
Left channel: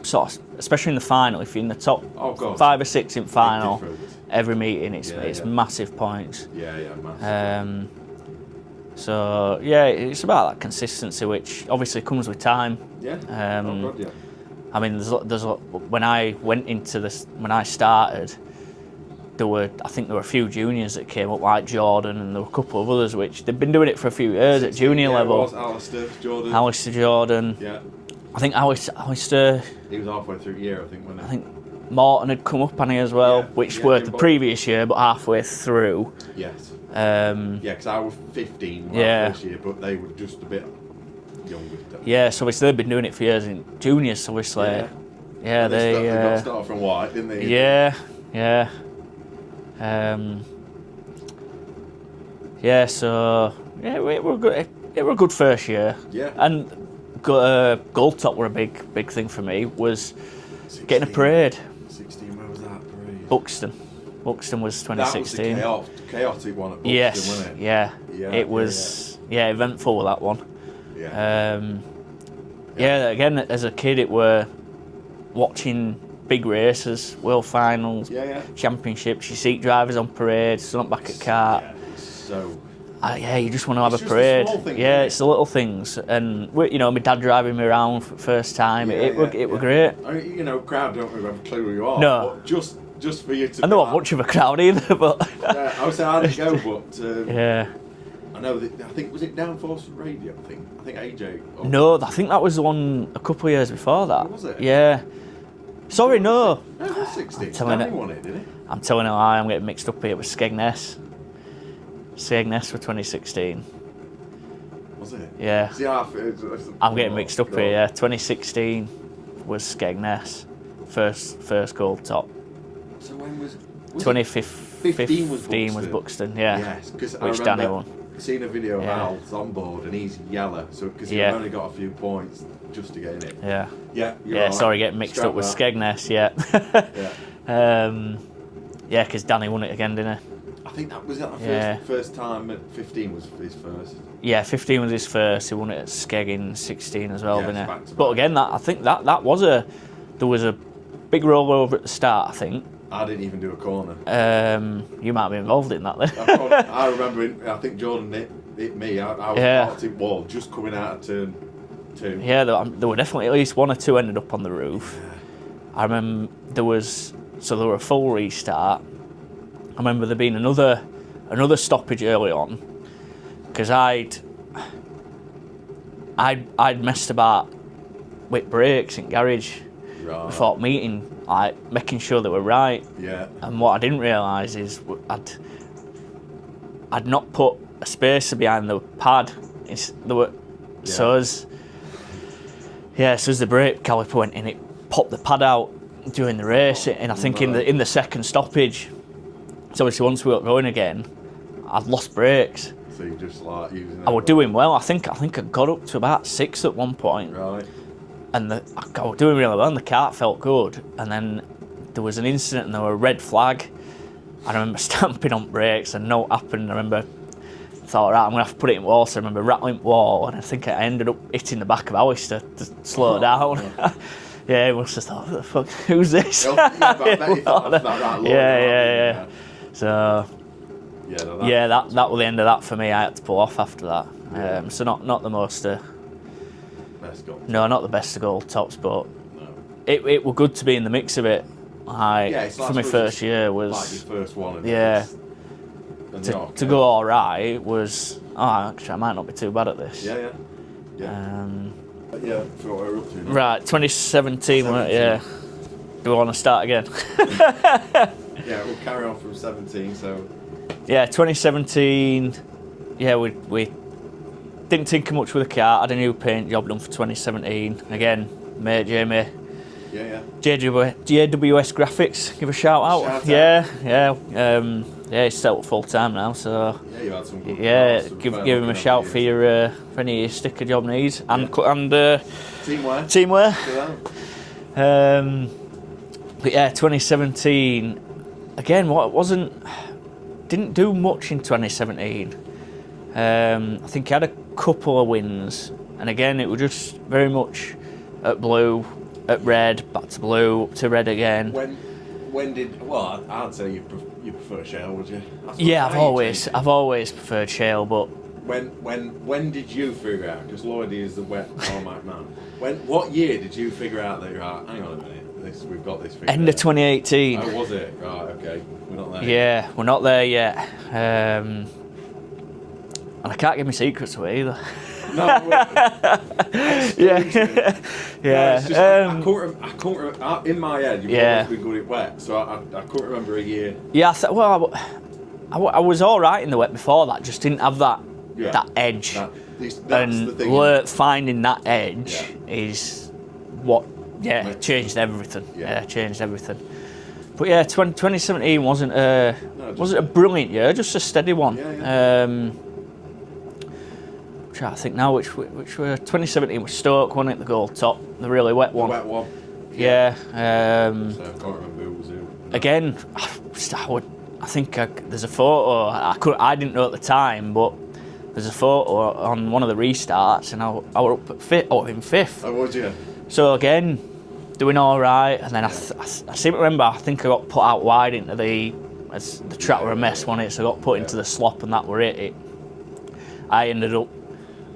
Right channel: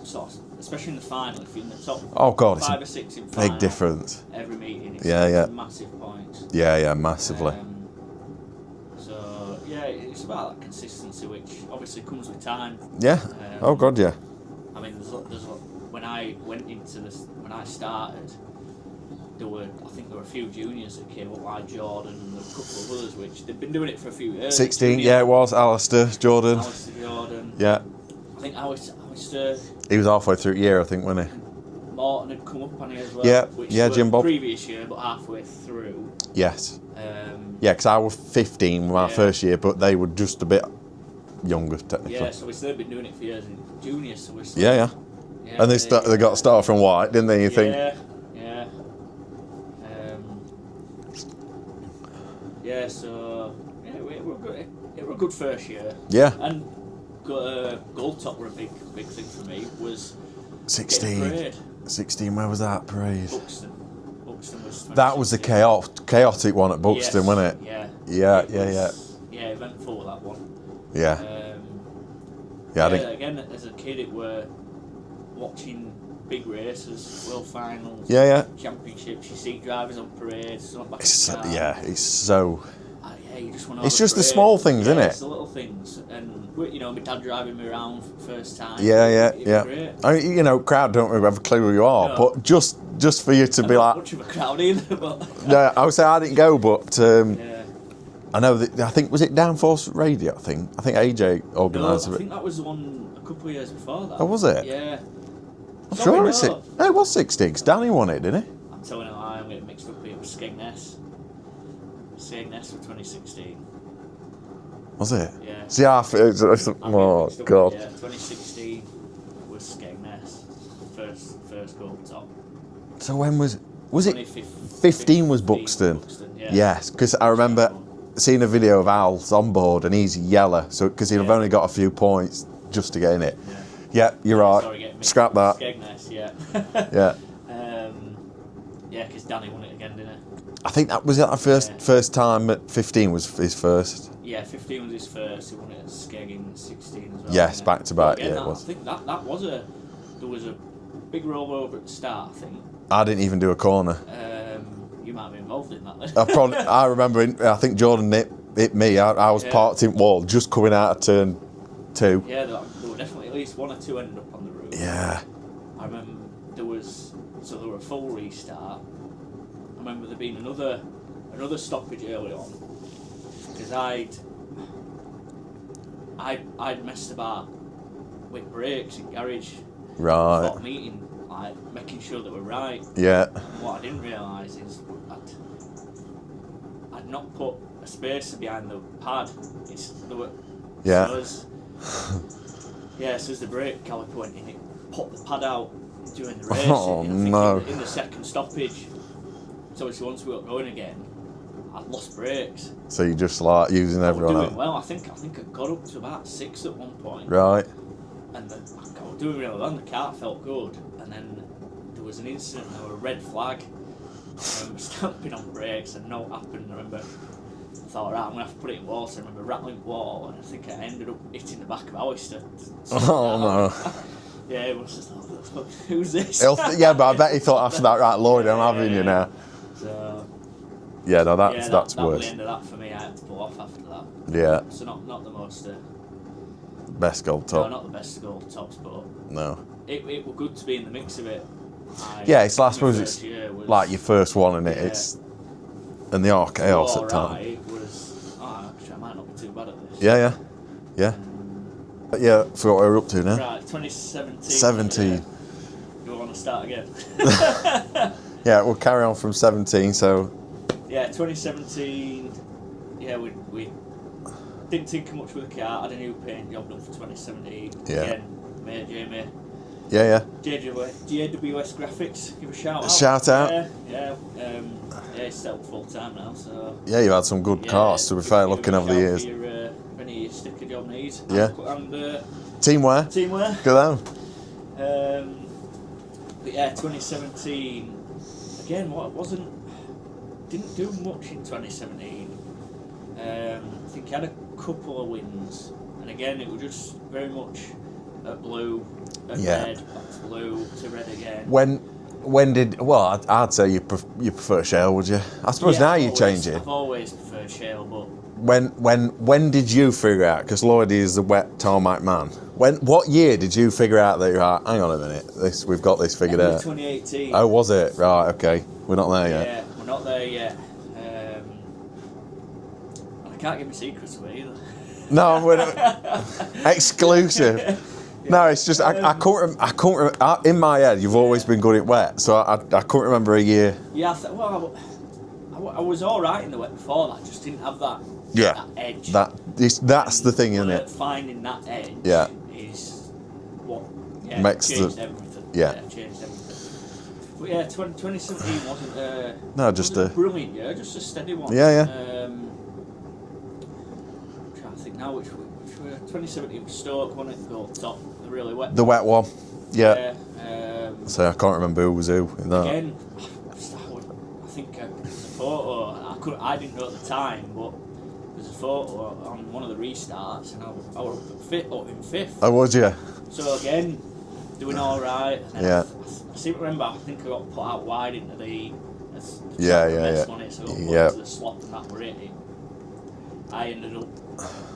sort of, especially in the final, if you're in the top 5 or 6 in final, big difference. Every meeting it's massive points. Yeah, massively. So it's about that consistency, which obviously comes with time. Yeah. Oh God, yeah. I mean, when I went into this, when I started, I think there were a few juniors that came up, like Jordan, and there were a couple of others which they've been doing it for a few years. 16, at junior level. It was Alistair Jordan. Yeah. I think Alistair. He was halfway through the year, I think, wasn't he? I think Morton had come up on he as well, which were the previous year, but halfway through. Yes. Because I was 15 my first year, but they were just a bit younger. Yeah, so obviously they've been doing it for years in juniors, obviously. Yeah. And they got started from White, didn't they? Yeah. It were good. It were a good first year. Yeah. And Gold Top were a big thing for me. Was 16. getting a parade. 16. Where was that parade? Buxton was 2016. That was the chaotic one at Buxton, wasn't it? Yeah. It was eventful with that one. Yeah. Again, as a kid, it were watching big races, world finals, championships. You see drivers on parade, sun up back of the car. Yeah, it's so. You just want to have a parade. It's just the small things, isn't it? Yeah, it's the little things. And, my dad driving me around for the first time. It was great. I mean, crowd don't really have a clue who you are, but just for you to be not much of a crowd either, but. No, I would say I didn't go, but. Yeah. I know that, I think, was it Downforce Radio? I think AJ organised No, I think that was the one a couple of years before that. Oh, was it? Yeah. Sorry, sure no. No, it was 16, because Danny won it, didn't he? I'm telling you a lie, I'm getting mixed up here with Skegness. Skegness for 2016. Was it? Yeah. See, I'm getting mixed up here, yeah. 2016 was Skegness. First Gold Top. So when was 2015 was Buxton? Yeah. Yes, because I remember seeing a video of Al's on board and he's yellow, so because he'd only got a few points just to get in it. Yeah. Yeah, you're right. Sorry, getting mixed up with Skegness, yeah. Because Danny won it again, didn't he? I think that was first time at 15 was his first. Yeah, 15 was his first. He won it at Skeg in 16 as well. Yes, back to back. But again, I think that was there was a big rollover at the start. I think. I didn't even do a corner. You might be involved in that then. I remember. I think Jordan hit me. I was parked in wall just coming out of turn 2. Yeah, there were definitely at least 1 or 2 ended up on the roof. Yeah. I remember there were a full restart. I remember there being another stoppage early on because I'd messed about with brakes in garage before meeting, like making sure they were right. Yeah. And what I didn't realise is I'd not put a spacer behind the pad. So as the brake caliper went in, it popped the pad out during the race, and I think in the second stoppage. So obviously once we got going again, I'd lost brakes. So you just like using them. I was doing well. I think I got up to about 6 at one point. Right. and I was doing really well, and the kart felt good. And then there was an incident, and there were a red flag. I remember stamping on brakes, and no happened. I remember thought, right, I'm gonna have to put it in water. I remember rattling the wall, and I think I ended up hitting the back of Alistair to slow down. No. Yeah, he must have thought, "What the fuck? Who's this?" Yeah, but I bet he thought after that, right, Lloyd, I'm having you now. So. Yeah, no, that's that was the end of that for me. I had to pull off after that. Yeah. So not the most. Best gold top. No, not the best of gold tops, but No. It was good to be in the mix of it. It's like for my first year was like your first one, and and the arc to go all right was. Oh, actually, I might not be too bad at this. Yeah. Yeah, forgot what we're up to now. Right, 2017. 17. Yeah. Do we want to start again? Yeah, we'll carry on from 17. So. Yeah, 2017. Yeah, we didn't tinker much with the car. Had a new paint job done for 2017. Yeah. Again, mate Jamie. Yeah. JWS Graphics, give a shout out. Shout out. Yeah, he's set up full time now, so. Yeah, you've had some good cars to be fair. Give him a shout for any of your sticker job needs. And teamwear. Teamwear. Good on. But yeah, 2017. Again, didn't do much in 2017. I think I had a couple of wins, and again, it was just very much at blue. Red, back to blue, up to red again. I'd say you prefer shale, would you? I suppose now you change it. I've always preferred shale, but when did you figure out? Because Lloydy is the wet tarmac man. What year did you figure out that you're like, hang on a minute, we've got this figured out? End of 2018. Oh, was it? Right, okay. We're not there yet. Yeah, we're not there yet. And I can't give my secrets away either. No, we're not. Exclusive. Yeah. No, it's just I can't remember. In my head, you've always been good at wet, so I couldn't remember a year. Yeah, I was all right in the wet before that. Just didn't have that edge. That's the thing. Finding that edge is what changed everything. Yeah, changed everything. But yeah, 2017 wasn't a brilliant year, just a steady one. Yeah. I'm trying to think now which were 2017 was Stoke, wasn't it? The gold top, the really wet one. The wet one. Yeah. So I can't remember who was who. In that. Again, I think there's a photo. I didn't know at the time, but there's a photo on one of the restarts, and I was up in fifth. Oh, was you? So again, doing all right, and then I seem to remember. I think I got put out wide into the track were a mess, wasn't it? So I got put into the slop, and that were it. I ended up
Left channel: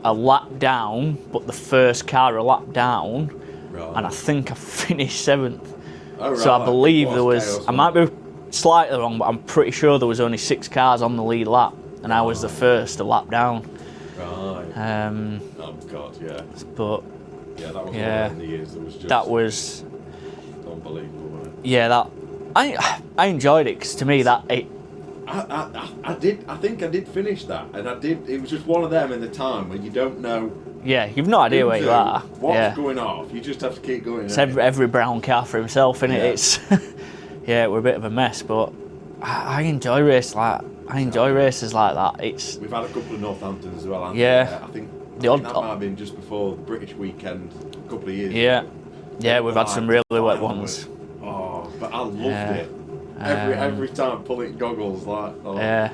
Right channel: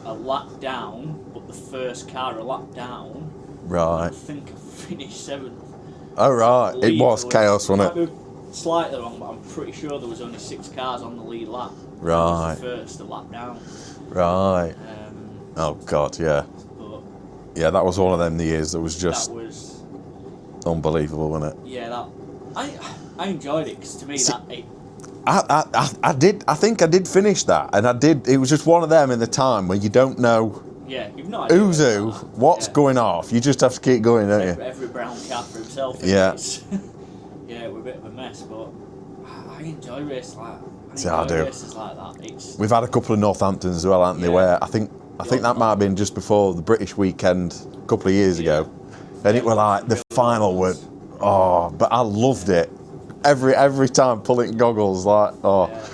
a lap down, but the first car a lap down, right? And I think I finished 7th. Oh, right. So I believe there was chaos. I might be slightly wrong, but I'm pretty sure there was only 6 cars on the lead lap, and I was the first to lap down. Right. Oh God, yeah. But yeah, that was one of them years that was just unbelievable, wasn't it? Yeah, I enjoyed it because to me I did. I think I did finish that, and I did. It was just one of them in the time where you don't know. Yeah, you've no idea where you are. What's going off? You just have to keep going. It's every brown car for himself, and it's we're a bit of a mess, but I enjoy races like that. We've had a couple of Northamptons as well, haven't we? Where I think that might have been just before the British weekend a couple of years ago. Yeah, we've had some really final ones. But I loved it. Every time pulling goggles Yeah,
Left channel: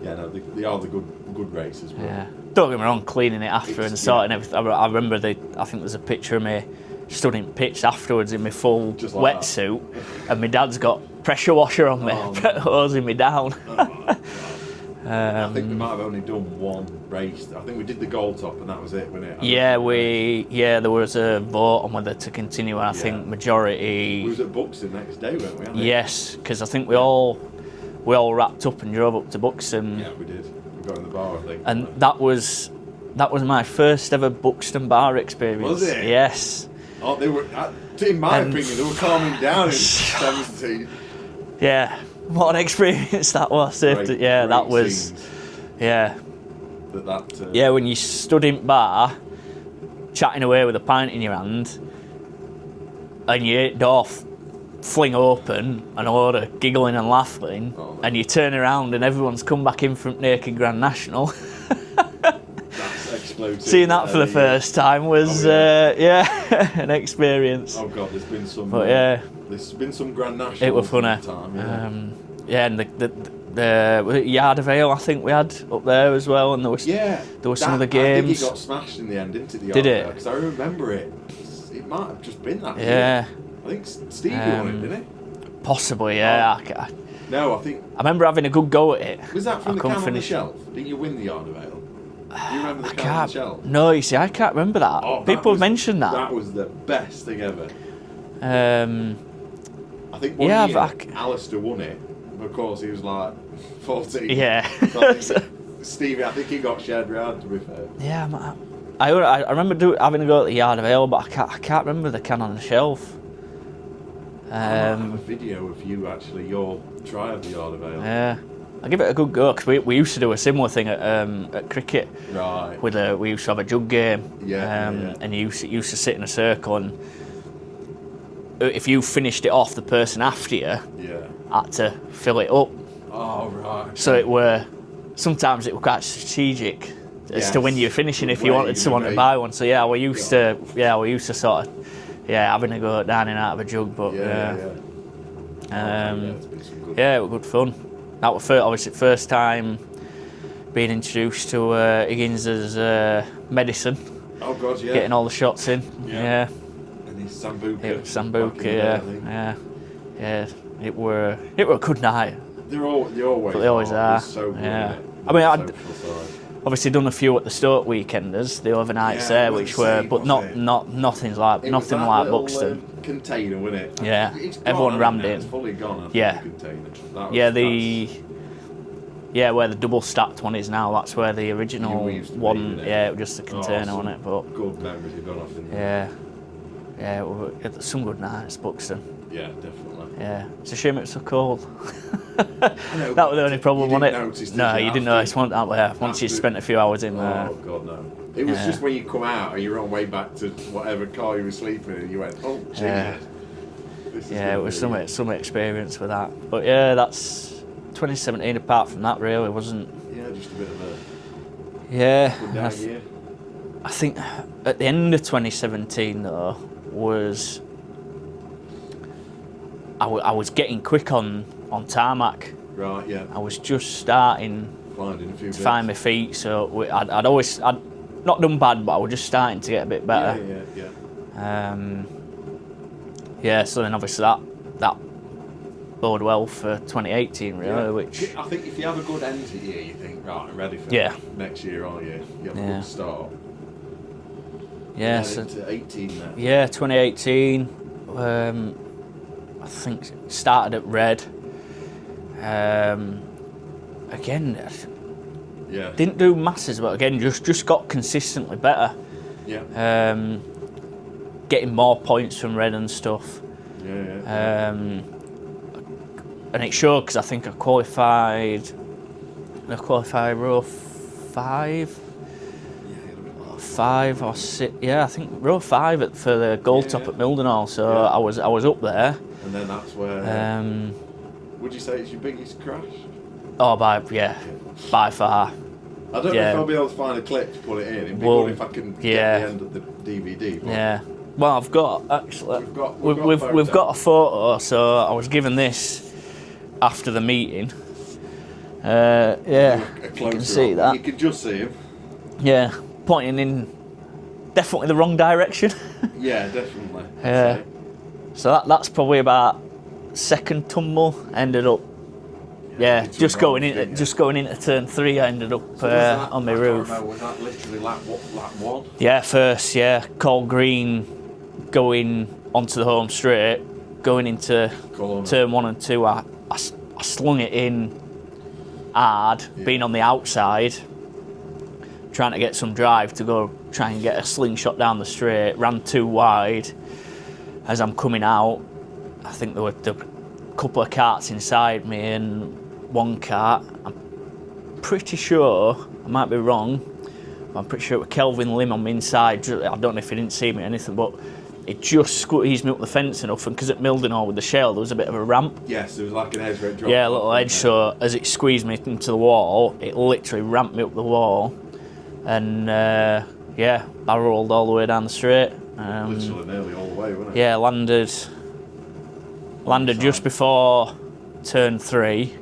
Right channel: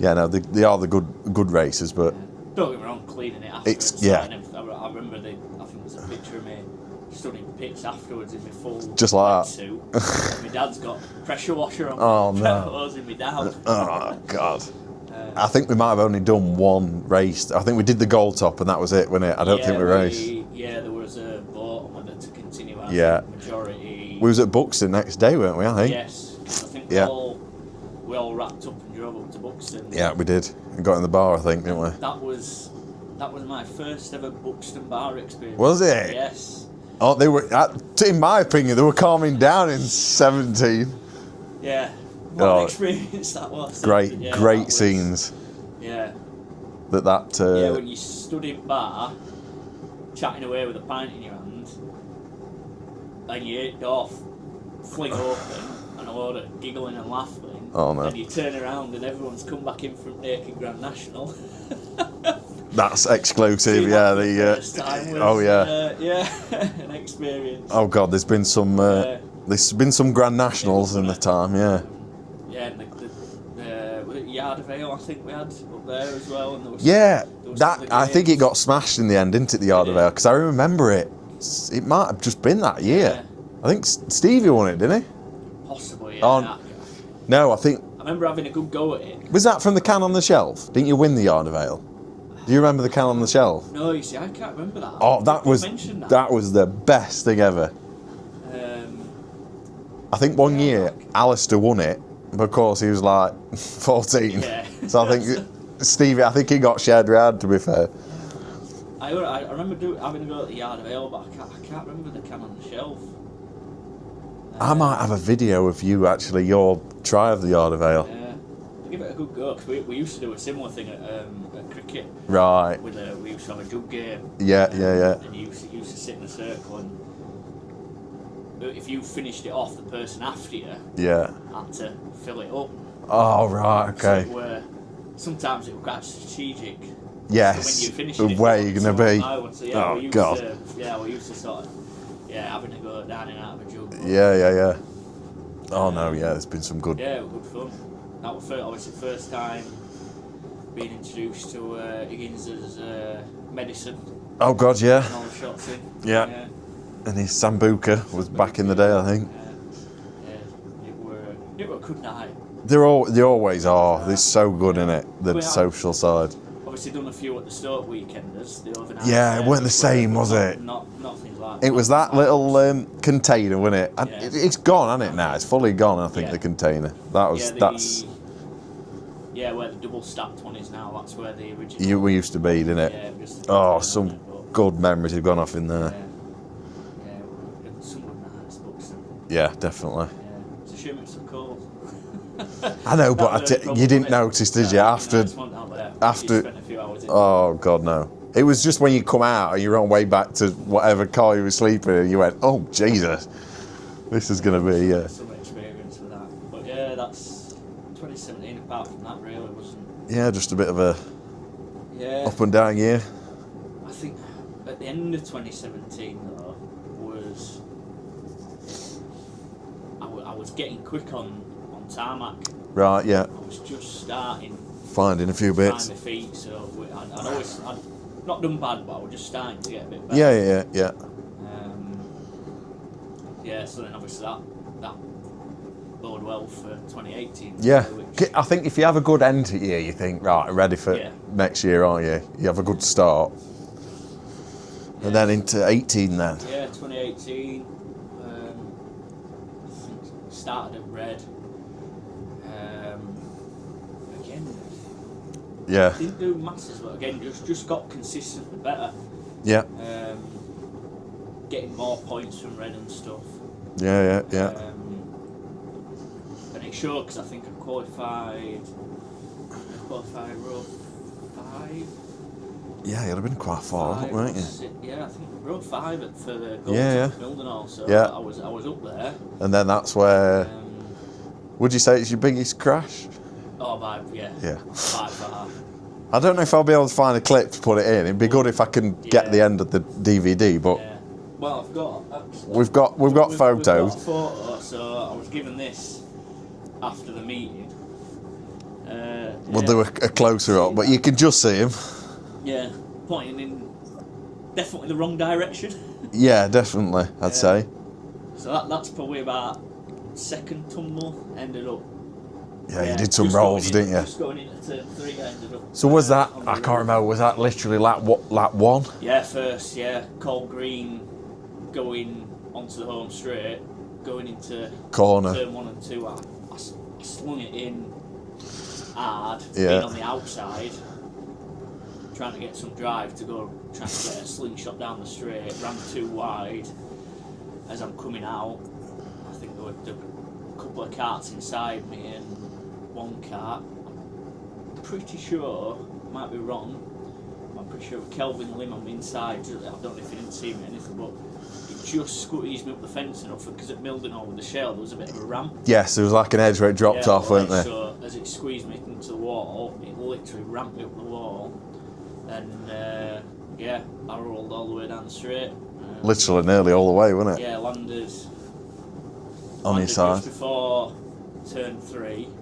no, they are the good races, but don't get me wrong, cleaning it after and sorting everything. I remember I think there's a picture of me stood in pitch afterwards in my full wetsuit, and my dad's got pressure washer on me, hosing me down. Oh God. I think we might have only done one race. I think we did the gold top, and that was it, wasn't it? I don't think we raced. Yeah, there was a vote on whether to continue, and I think majority. We was at Buxton next day, weren't we? I think. Yes, because I think we all wrapped up and drove up to Buxton. Yeah, we did. We got in the bar, I think. And that was my first ever Buxton bar experience. Was it? Yes. Oh, they were. In my opinion, they were calming down in 17. Yeah. What an experience that was. Great scenes. Yeah. That. When you stood in bar, chatting away with a pint in your hand, and your door fling open, and a load of giggling and laughing, and you turn around and everyone's come back in from Naked Grand National. That's exclusive. Seeing that for the yeah. first time was, an experience. Oh God, there's been some. There's been some Grand Nationals in the time. Yeah. And the Yard of Ale, I think we had up there as well, and there was some of the games. I think it got smashed in the end, didn't it? The Yard of Ale, because I remember it. It might have just been that year. I think Stevie won it, didn't he? Possibly, yeah. No, I think. I remember having a good go at it. Was that from the can on the shelf? Didn't you win the Yard of Ale? Do you remember the can on the shelf? No, you see, I can't remember that. Oh, People mentioned that. That was the best thing ever. I think one year Alistair won it, but of course he was like 14. Yeah. So I think Stevie, I think he got shared round, to be fair. Yeah, I remember having a go at the Yard of Ale, but I can't remember the can on the shelf. I might have a video of you actually, your try of the Yard of Ale. Yeah. I'll give it a good go, because we used to do a similar thing at cricket. Right. We used to have a jug game. Yeah. And you used to sit in a circle, and if you finished it off, the person after you had to fill it up. Oh, right, okay. So sometimes it was quite strategic as to when you're finishing, if you wanted someone to buy one. So we used to sort of having a go at down and out of a jug. But, Oh no, there's been some good. Yeah, it was good fun. That was obviously first time being introduced to Higgins's medicine. Oh God, yeah. Getting all the shots in. Yeah. And his Sambuca was back in the day, I think. Yeah. It were a good night. They always are. They're so good in it. The social side. Obviously done a few at the Stoke weekenders, the overnights there, weren't the same, was it? Nothing's like it was that like little container, wasn't it? Yeah. It's gone now. It's fully gone, I think, the container. That was, where the double stacked one is now, that's where the original we used to be, didn't it? Yeah, it was just a container on it. But good memories have gone off in there. Yeah, some good nights, Buxton. Yeah, definitely. Yeah, it's a shame it's so cold. I know, but you didn't notice, did you? You didn't notice once you spent a few hours in there. Oh, God, no. It was just when you come out and you're on way back to whatever car you were sleeping in, and you went, oh, Jesus, this is going to be... some experience with that. But yeah, that's 2017, apart from that, really, wasn't... Yeah, just a bit of a up and down year. I think at the end of 2017, though, was... I was getting quick on tarmac. Right, yeah. I was just starting... Finding a few bits. Find my feet, so I'd not done bad, but I was just starting to get a bit better. Yeah. So then obviously that bode well for 2018, really. Which I think if you have a good end to the year, you think, right, I'm ready for next year, aren't you? You have a good start. Yeah. And then into 18 then. Yeah, 2018. I think started at red. Again. Yeah. Didn't do masses, but again, just got consistently better. Yeah. Getting more points from red and stuff. Yeah. And it showed, because I think I qualified row 5. Yeah, you'd have been quite far. 5 or 6. Yeah, I think row 5 for the gold top at Mildenhall. So I was up there. And then that's where. Would you say it's your biggest crash? Oh, by far. I don't know if I'll be able to find a clip to put it in. It'd be good if I can get the end of the DVD. But well, I've got actually. We've got photos. We've got a photo. So I was given this after the meeting. We'll do a closer up, but you can just see him. Yeah, pointing in definitely the wrong direction. Yeah, definitely. I'd say. So that's probably about second tumble. Ended up. Yeah, you did some rolls, didn't you? Just going into turn 3, I ended up. So was that on the I roof. can't remember. Was that literally lap 1? Yeah, first. Yeah, Cole Green going onto the home straight, going into corner. Turn 1 and 2. I slung it in hard, being on the outside, trying to get some drive to go try and get a slingshot down the straight. Ran too wide. As I'm coming out, I think there were a couple of carts inside me and one cart. I'm pretty sure, I might be wrong, but I'm pretty sure it was Kelvin Lim on the inside. I don't know if he didn't see me or anything, but it just squeezed me up the fence enough, and because at Mildenhall with the shell there was a bit of a ramp. Yes, there was like an edge where it dropped off, wasn't there? So as it squeezed me into the wall, it literally ramped me up the wall. and yeah, barreled all the way down the straight. Literally nearly all the way, wasn't it? Yeah, landed just before turn 3.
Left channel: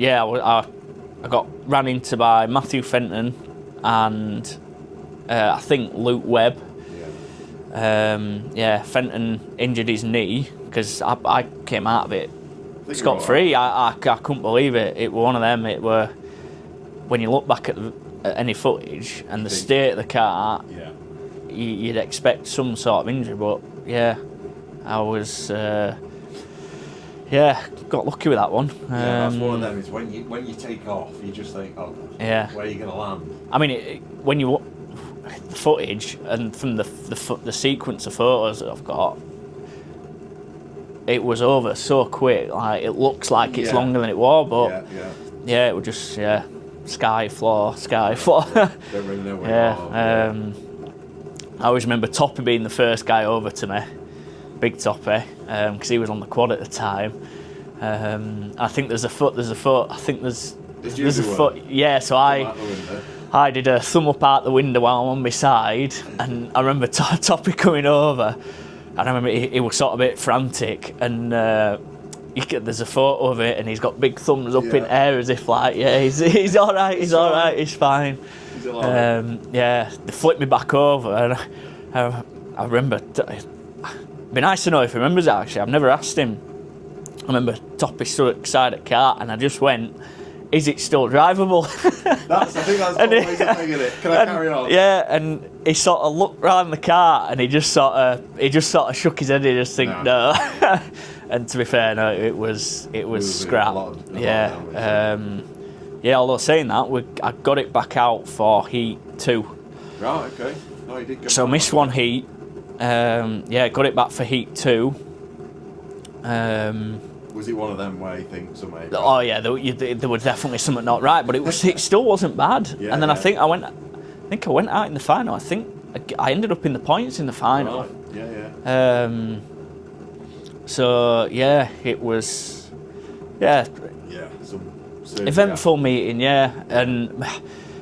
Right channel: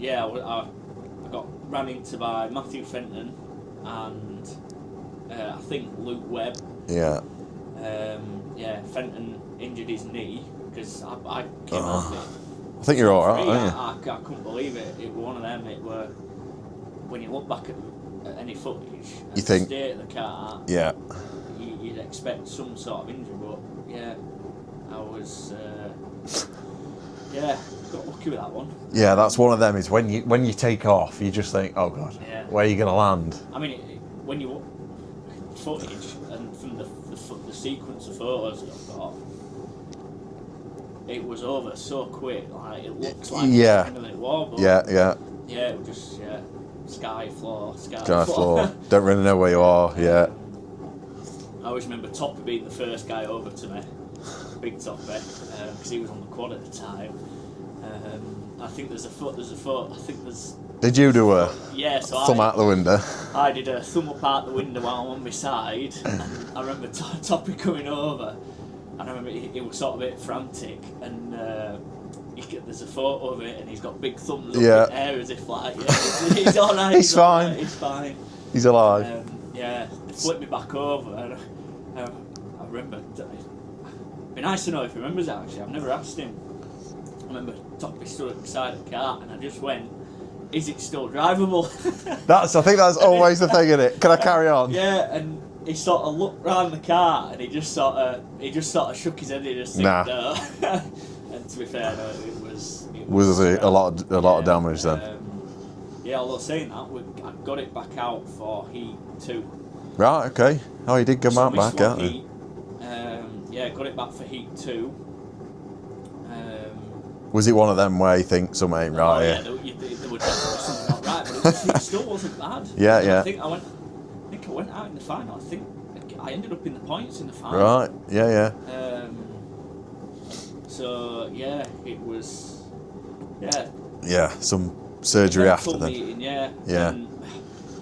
Yeah, I got ran into by Matthew Fenton and I think Luke Webb. Yeah. Yeah, Fenton injured his knee because I came out of it. I think you're all scot-free. right. I couldn't believe it. It were one of them. It were when you look back at any footage and the state of the car. Yeah. You'd expect some sort of injury, but yeah, I was got lucky with that one. Yeah, that's one of them. Is when you take off, you just think, oh god, yeah, where are you gonna land? I mean, when you the footage and from the sequence of photos that I've got, it was over so quick. Like it looks like it's longer than it was, but yeah, it was just sky floor. Don't really know where you are. Yeah. I always remember Toppy being the first guy over to me, big Toppy, because he was on the quad at the time. I think there's a foot. I think there's. Did you do a yeah, so thumb out the window? I did a thumb up out the window while I'm on my side, and I remember Toppy coming over, and I remember he was sort of a bit frantic, and there's a photo of it, and he's got big thumbs up in the air as if like, yeah, he's all right, he's all right, he's fine. He's alive. Yeah, they flipped me back over, and I remember. It'd be nice to know if he remembers it, actually. I've never asked him. I remember Toppy stood beside a car, and I just went, is it still drivable? I think that's always the thing, isn't it? Can I carry on? Yeah, and he sort of looked round the car and he just sort of shook his head and just think no. And to be fair, no, it was scrap. a lot of damage then. Yeah, although saying that, I got it back out for heat 2. Right, okay. Oh, you did go back. So I missed one heat. Yeah, got it back for heat 2. Was it one of them where you think something ain't right? Oh yeah, there was definitely something not right, but it still wasn't bad. Yeah, and then I think I went out in the final. I think I ended up in the points in the final. Right. Yeah. So yeah, it was. Yeah. Yeah. Some surgery. Eventful meeting. Yeah. And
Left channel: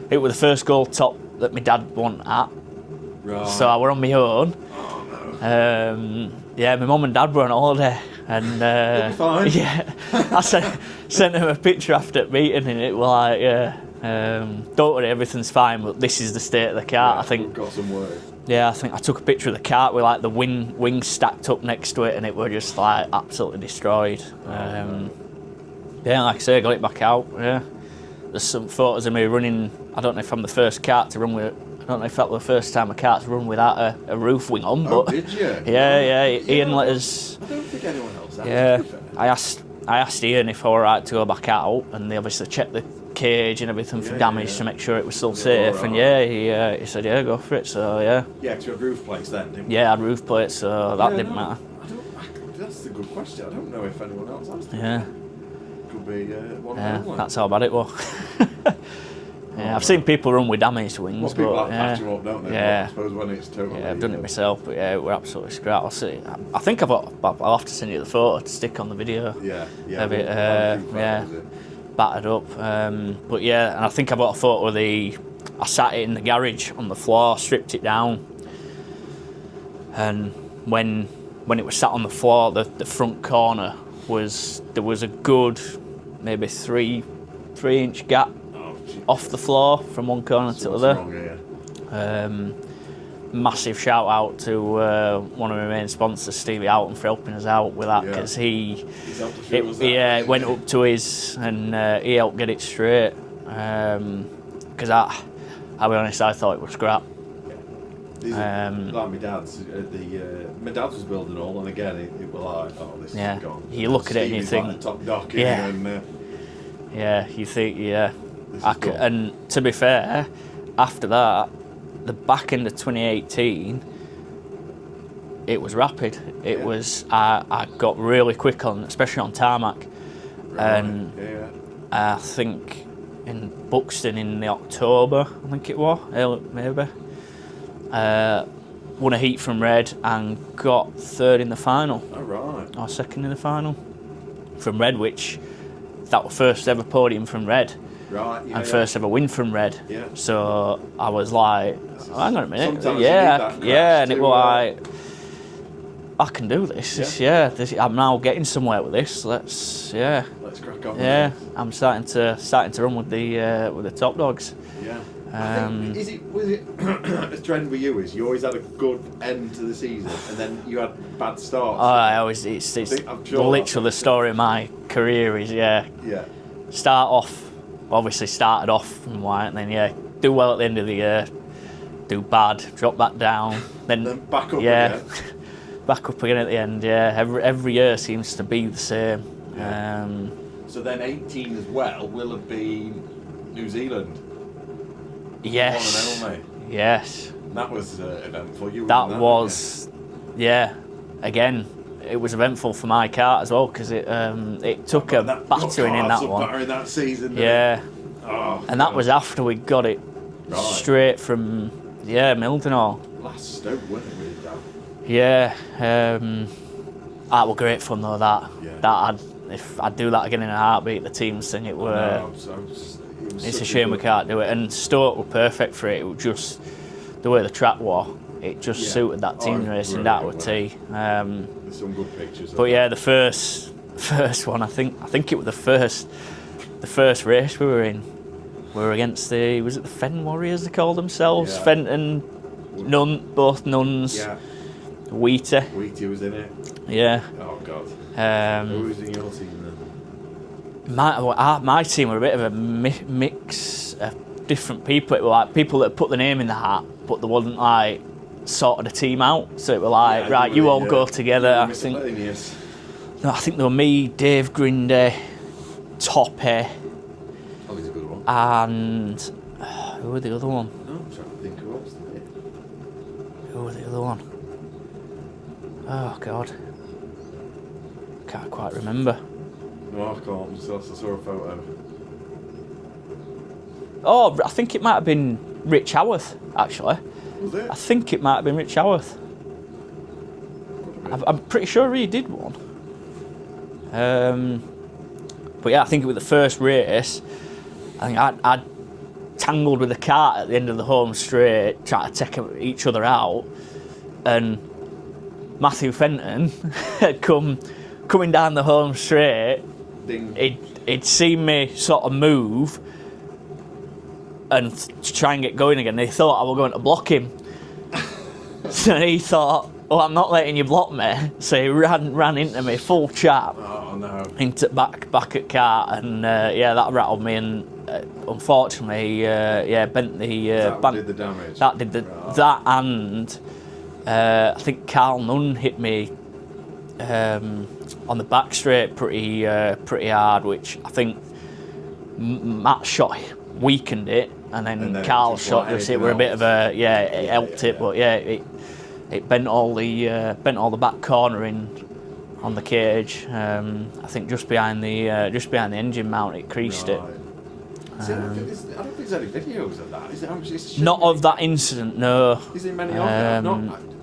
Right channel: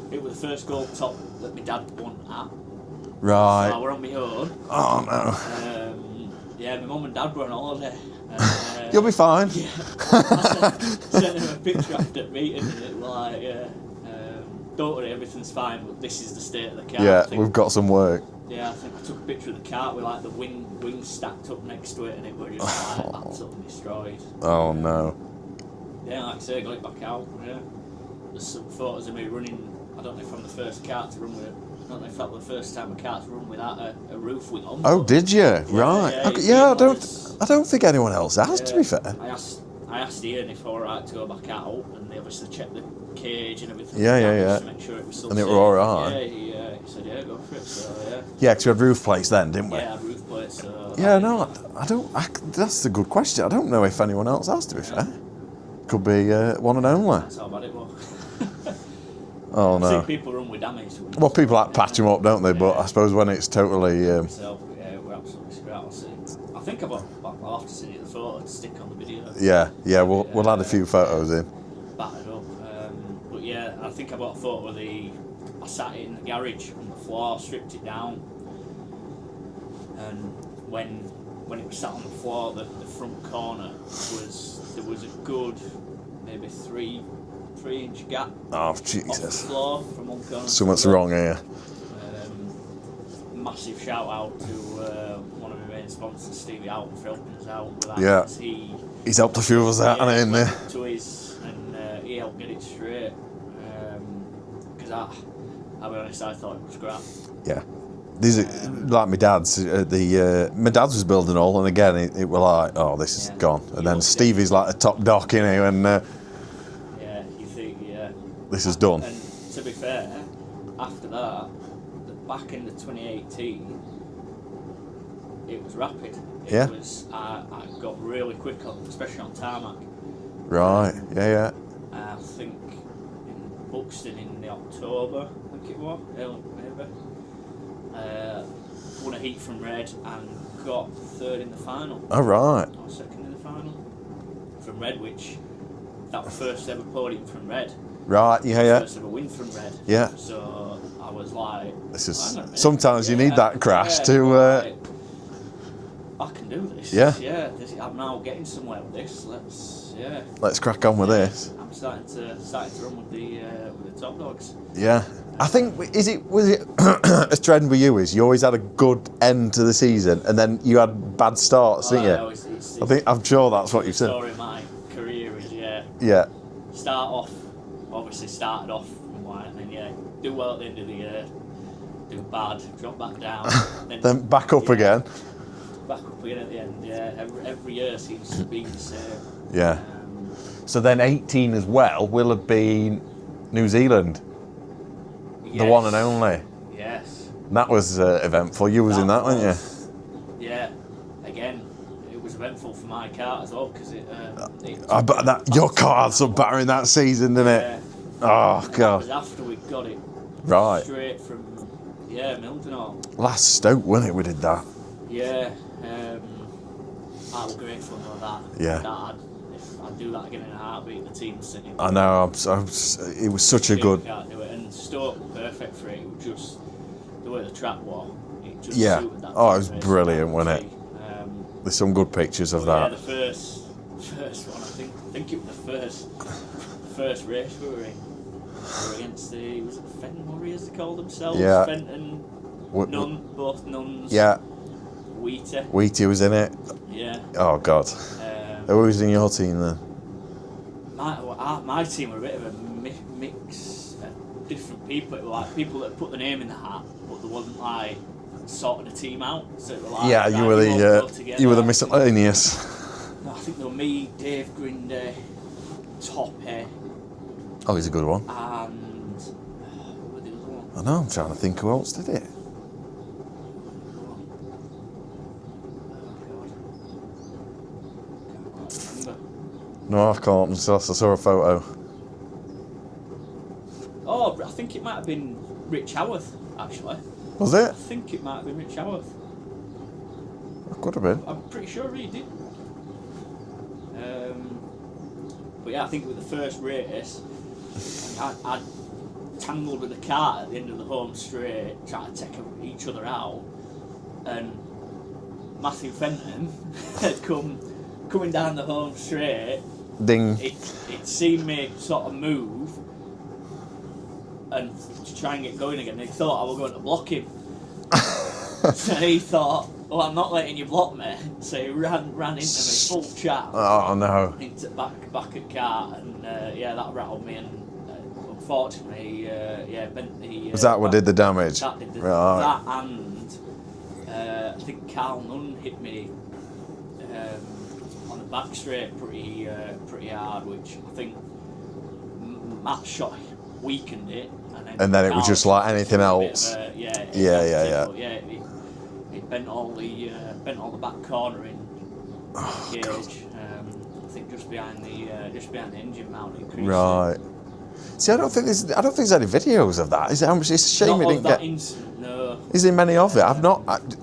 it was the first goal top that my dad won at. Right. So I were on my own. Oh no. Yeah, my mum and dad were on holiday. And you'll be fine. Yeah, I sent him a picture after the meeting, and it was like, don't worry, everything's fine, but this is the state of the car. Yeah, I think we've got some work. Yeah, I think I took a picture of the cart with like the wings stacked up next to it, and it were just like absolutely destroyed. Oh no. Yeah, like I say, I got it back out. Yeah, there's some photos of me running. I don't know if I'm the first kart to run with. I don't know if that was the first time a kart's run without a roof wing on. Oh, did you? Yeah, right. Yeah. I don't think anyone else asked, to be fair. I asked Ian if I were right to go back out, and they obviously checked the cage and everything for damage to make sure it was still safe. Right. And he said, yeah, go for it. So yeah. Yeah, because we had roof plates then, didn't we? Yeah, I had roof plates, so that didn't matter. That's a good question. I don't know if anyone else asked, to be fair. Could be one and only. That's how bad it was. I've no. seen people run with damaged wings. Well, people patch them up, don't they? But I suppose when it's totally... I've done it myself, but we're absolutely scrap. I'll see. I think I'll have to send you the photo to stick on the video. Yeah, we'll add a few photos in. Battered up. But yeah, and I think I bought a photo of I sat it in the garage on the floor, stripped it down, and when it was sat on the floor, the front corner there was a good maybe 3-inch gap off the floor from one corner to the other. Something's wrong here. Massive shout out to one of my main sponsors, Stevie Alton, for helping us out with that. Because he's helped a few of us out. He went up to his and he helped get it straight. Because I'll be honest, I thought it was scrap. Yeah. These are like my dad's. My dad's was building all, and again it was like, oh, this is gone. And then Stevie's like the top dock, you know, and you think, this is done. And to be fair, after that, the back end of 2018, it was rapid. It was I got really quick on, especially on tarmac. Right. I think in Buxton in the October, I think it was, maybe. Won a heat from Red and got third in the final. Oh, right. Or second in the final. From Red, which that was first ever podium from Red. Right, yeah, And yeah. first ever win from Red. Yeah. So I was like, hang on a minute. Sometimes you need that crash and it to... was like, I can do this. Yeah. I'm now getting somewhere with this. Let's crack on with this. I'm starting to run with the top dogs. Yeah. I think, was it a trend with you is you always had a good end to the season and then you had bad starts, I'm sure literally the story of my career is, started off from white and then, do well at the end of the year, do bad, drop back down, then back up again. Back up again at the end, Every year seems to be the same. Yeah. So then 18 as well will have been New Zealand. Yes. The one and only. Yes. And that was eventful. You was in that, weren't you? Yeah. Again, it was eventful for my kart as well because it took your karts were battering that season, didn't it? Oh, and that was after we got it straight from Mildenhall. Last Stoke, wasn't it? We did that. Yeah. That was great fun though. If I'd do that again in a heartbeat, the team thing, it was. I know. It was such a shame good. We can't do it, and Stoke were perfect for it. It was just the way the track was. It just suited that team racing down with T. There's some good pictures of that. But yeah, the first one, I think it was the first race we were in. We were against was it the Fen Warriors they called themselves? Yeah. Fenton, both nuns. Yeah. Wheaty was in it. Yeah. Oh God. Who was in your team then? My team were a bit of a mix of different people. It were like people that put the name in the hat, but they wasn't like sorted a team out. So it were like, you all go together. You were the miscellaneous. I think there were me, Dave Grindy, Toppy. Oh, he's a good one. And who were the other one? I know. I'm trying to think who else did it. Who were the other one? Oh God, can't quite remember. No, I can't. I saw a photo. Oh, I think it might have been Rich Howarth, actually. Was it? I think it might have been Rich Howarth. Could have been. I'm pretty sure he did one. But yeah, I think it was the first race. I think I'd tangled with the cart at the end of the home straight, trying to take each other out, and Matthew Fenton had coming down the home straight. Ding. He'd seen me sort of move and to try and get going again. He thought I was going to block him. So he thought, I'm not letting you block me. So he ran into me full chat. Oh no. Into back at cart, and that rattled me, and unfortunately, bent the. Was that what did the damage? That did that, and I think Carl Nunn hit me on the back straight pretty hard, which I think Matt shot weakened it, and then Carl it was just shot like anything else. A bit of it helped it, but it bent all the back corner in on the cage. I think just behind the engine mount, it creased it. See, I don't think there's any videos of that. Is it? It's a shame. Not of that incident, no. Is there many of it?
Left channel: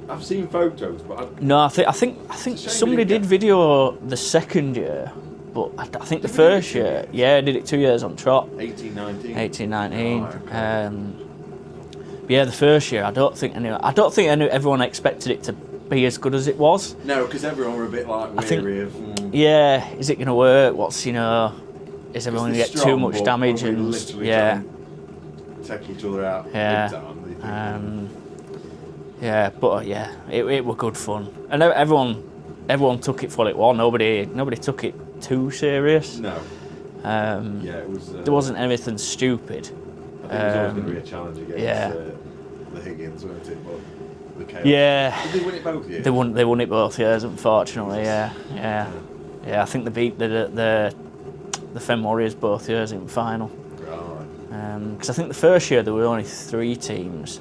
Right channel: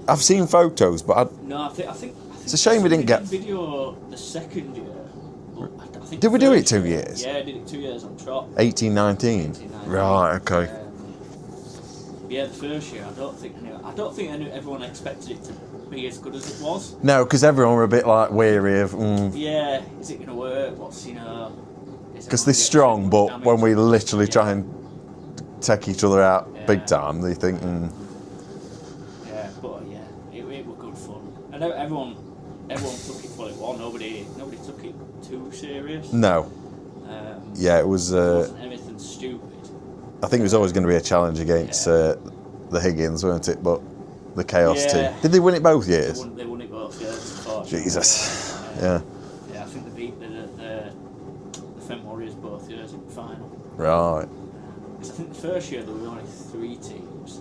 I've seen photos, but I think it's a shame somebody we didn't did video the second year, but I think did the we do it first 2 year, years? Yeah, I did it 2 years on trot. 18, 19. Right, okay. Yeah, the first year, I don't think everyone expected it to be as good as it was. No, because everyone were a bit like weary of. Yeah, is it going to work? Is everyone going to get too much damage? When we literally try and take each other out big time, they think. Yeah, but it was good fun, and everyone took it for what it was. Nobody took it too serious. No. It was. There wasn't anything stupid. I think it was always going to be a challenge against the Higgins, weren't it? But the Chaos team. Did they win it both years? They won it both years, unfortunately. Jesus. Yeah. I think they beat the Fen Warriors both years in the final. Right. Because I think the first year there were only 3 teams.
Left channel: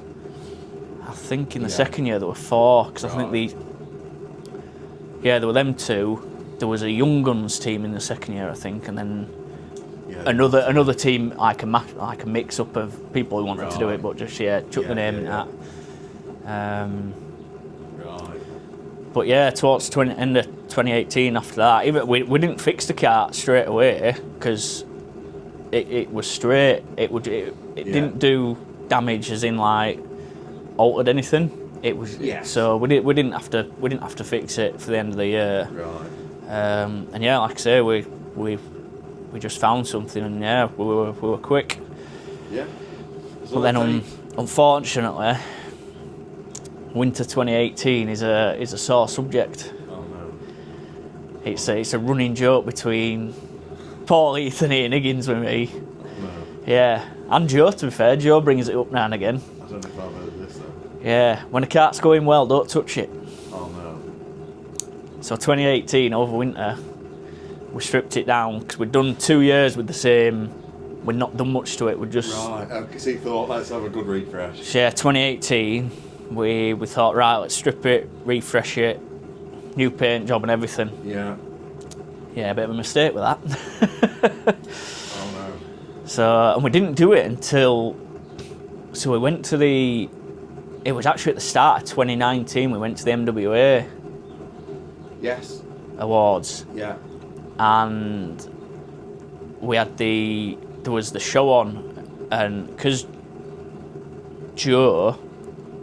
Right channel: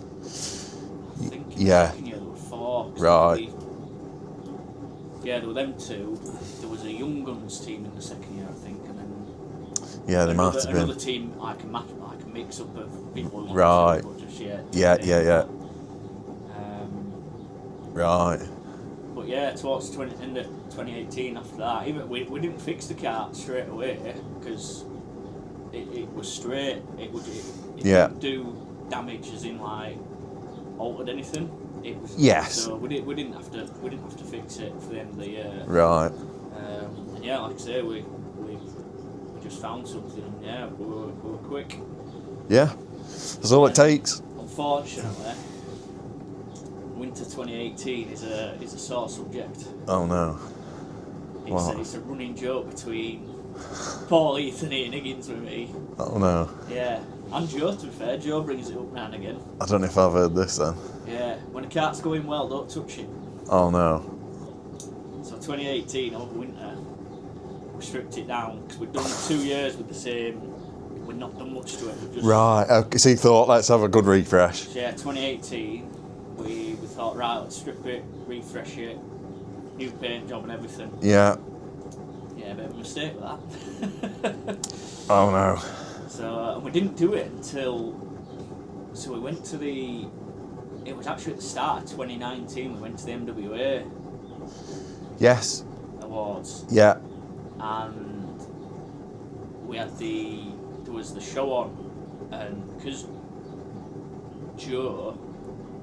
I think in the second year there were 4. Cause I think there were them 2. There was a Young Guns team in the second year, I think, and then Yeah, they might have to another be. team like a mix up of people who wanted to do Right. it, but just chucking Yeah, in yeah, and yeah. that. Right. But yeah, towards end of 2018, after that, even we didn't fix the kart straight away because it was straight. It didn't do damage, as in like altered anything. It was So we didn't have to fix it for the end of the year. Right. And yeah, like I say, we just found something, and yeah, we were quick. Yeah. That's all it takes. Unfortunately, winter 2018 is a sore subject. Oh no. It's a running joke between Paul, Ethan, and Higgins with me. Oh no. Yeah, and Joe. To be fair, Joe brings it up now and again. I don't know if I've heard this then. Yeah, when a kart's going well, don't touch it. Oh no. So 2018 over winter, we stripped it down because we'd done 2 years with the same. We'd not done much to it. We just Right. Okay, so you thought, let's have a good refresh. So yeah, 2018, we thought, right, let's strip it, refresh it, new paint job and everything. Yeah. Yeah, a bit of a mistake with that. Oh no. So, and we didn't do it until, so we went to it was actually at the start of 2019, we went to the MWA Yes. Awards, Yeah. and we had there was the show on, and because Joe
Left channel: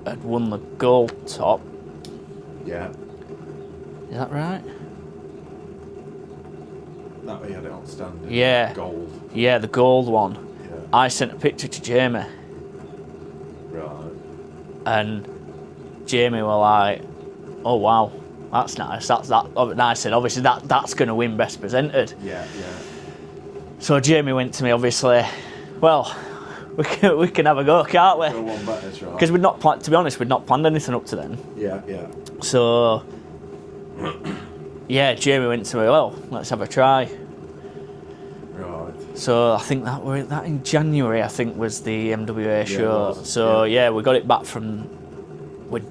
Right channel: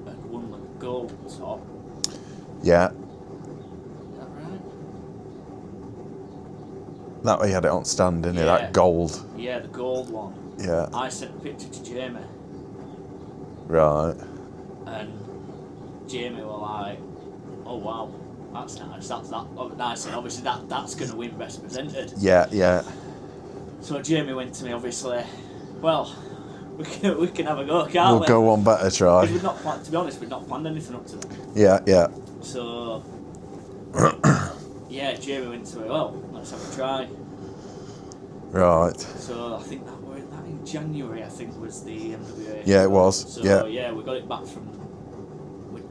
had won the gold top. Yeah. Is that right? That way you had it on standing. Yeah. That gold. Yeah, the gold one. Yeah. I sent a picture to Jamie, Right. and Jamie were like, "Oh wow, that's nice. That's that." And I said, "Obviously that's going to win best presented." Yeah. Yeah. So Jamie went to me, obviously. Well, we can have a go, can't We'll we? go one better try. Because we'd not planned. To be honest, we'd not planned anything up to then. Yeah. Yeah. So yeah, Jamie went to me. Well, let's have a try. Right. So I think that in January, I think, was the MWA show. Yeah, it was. So yeah, we got it back from.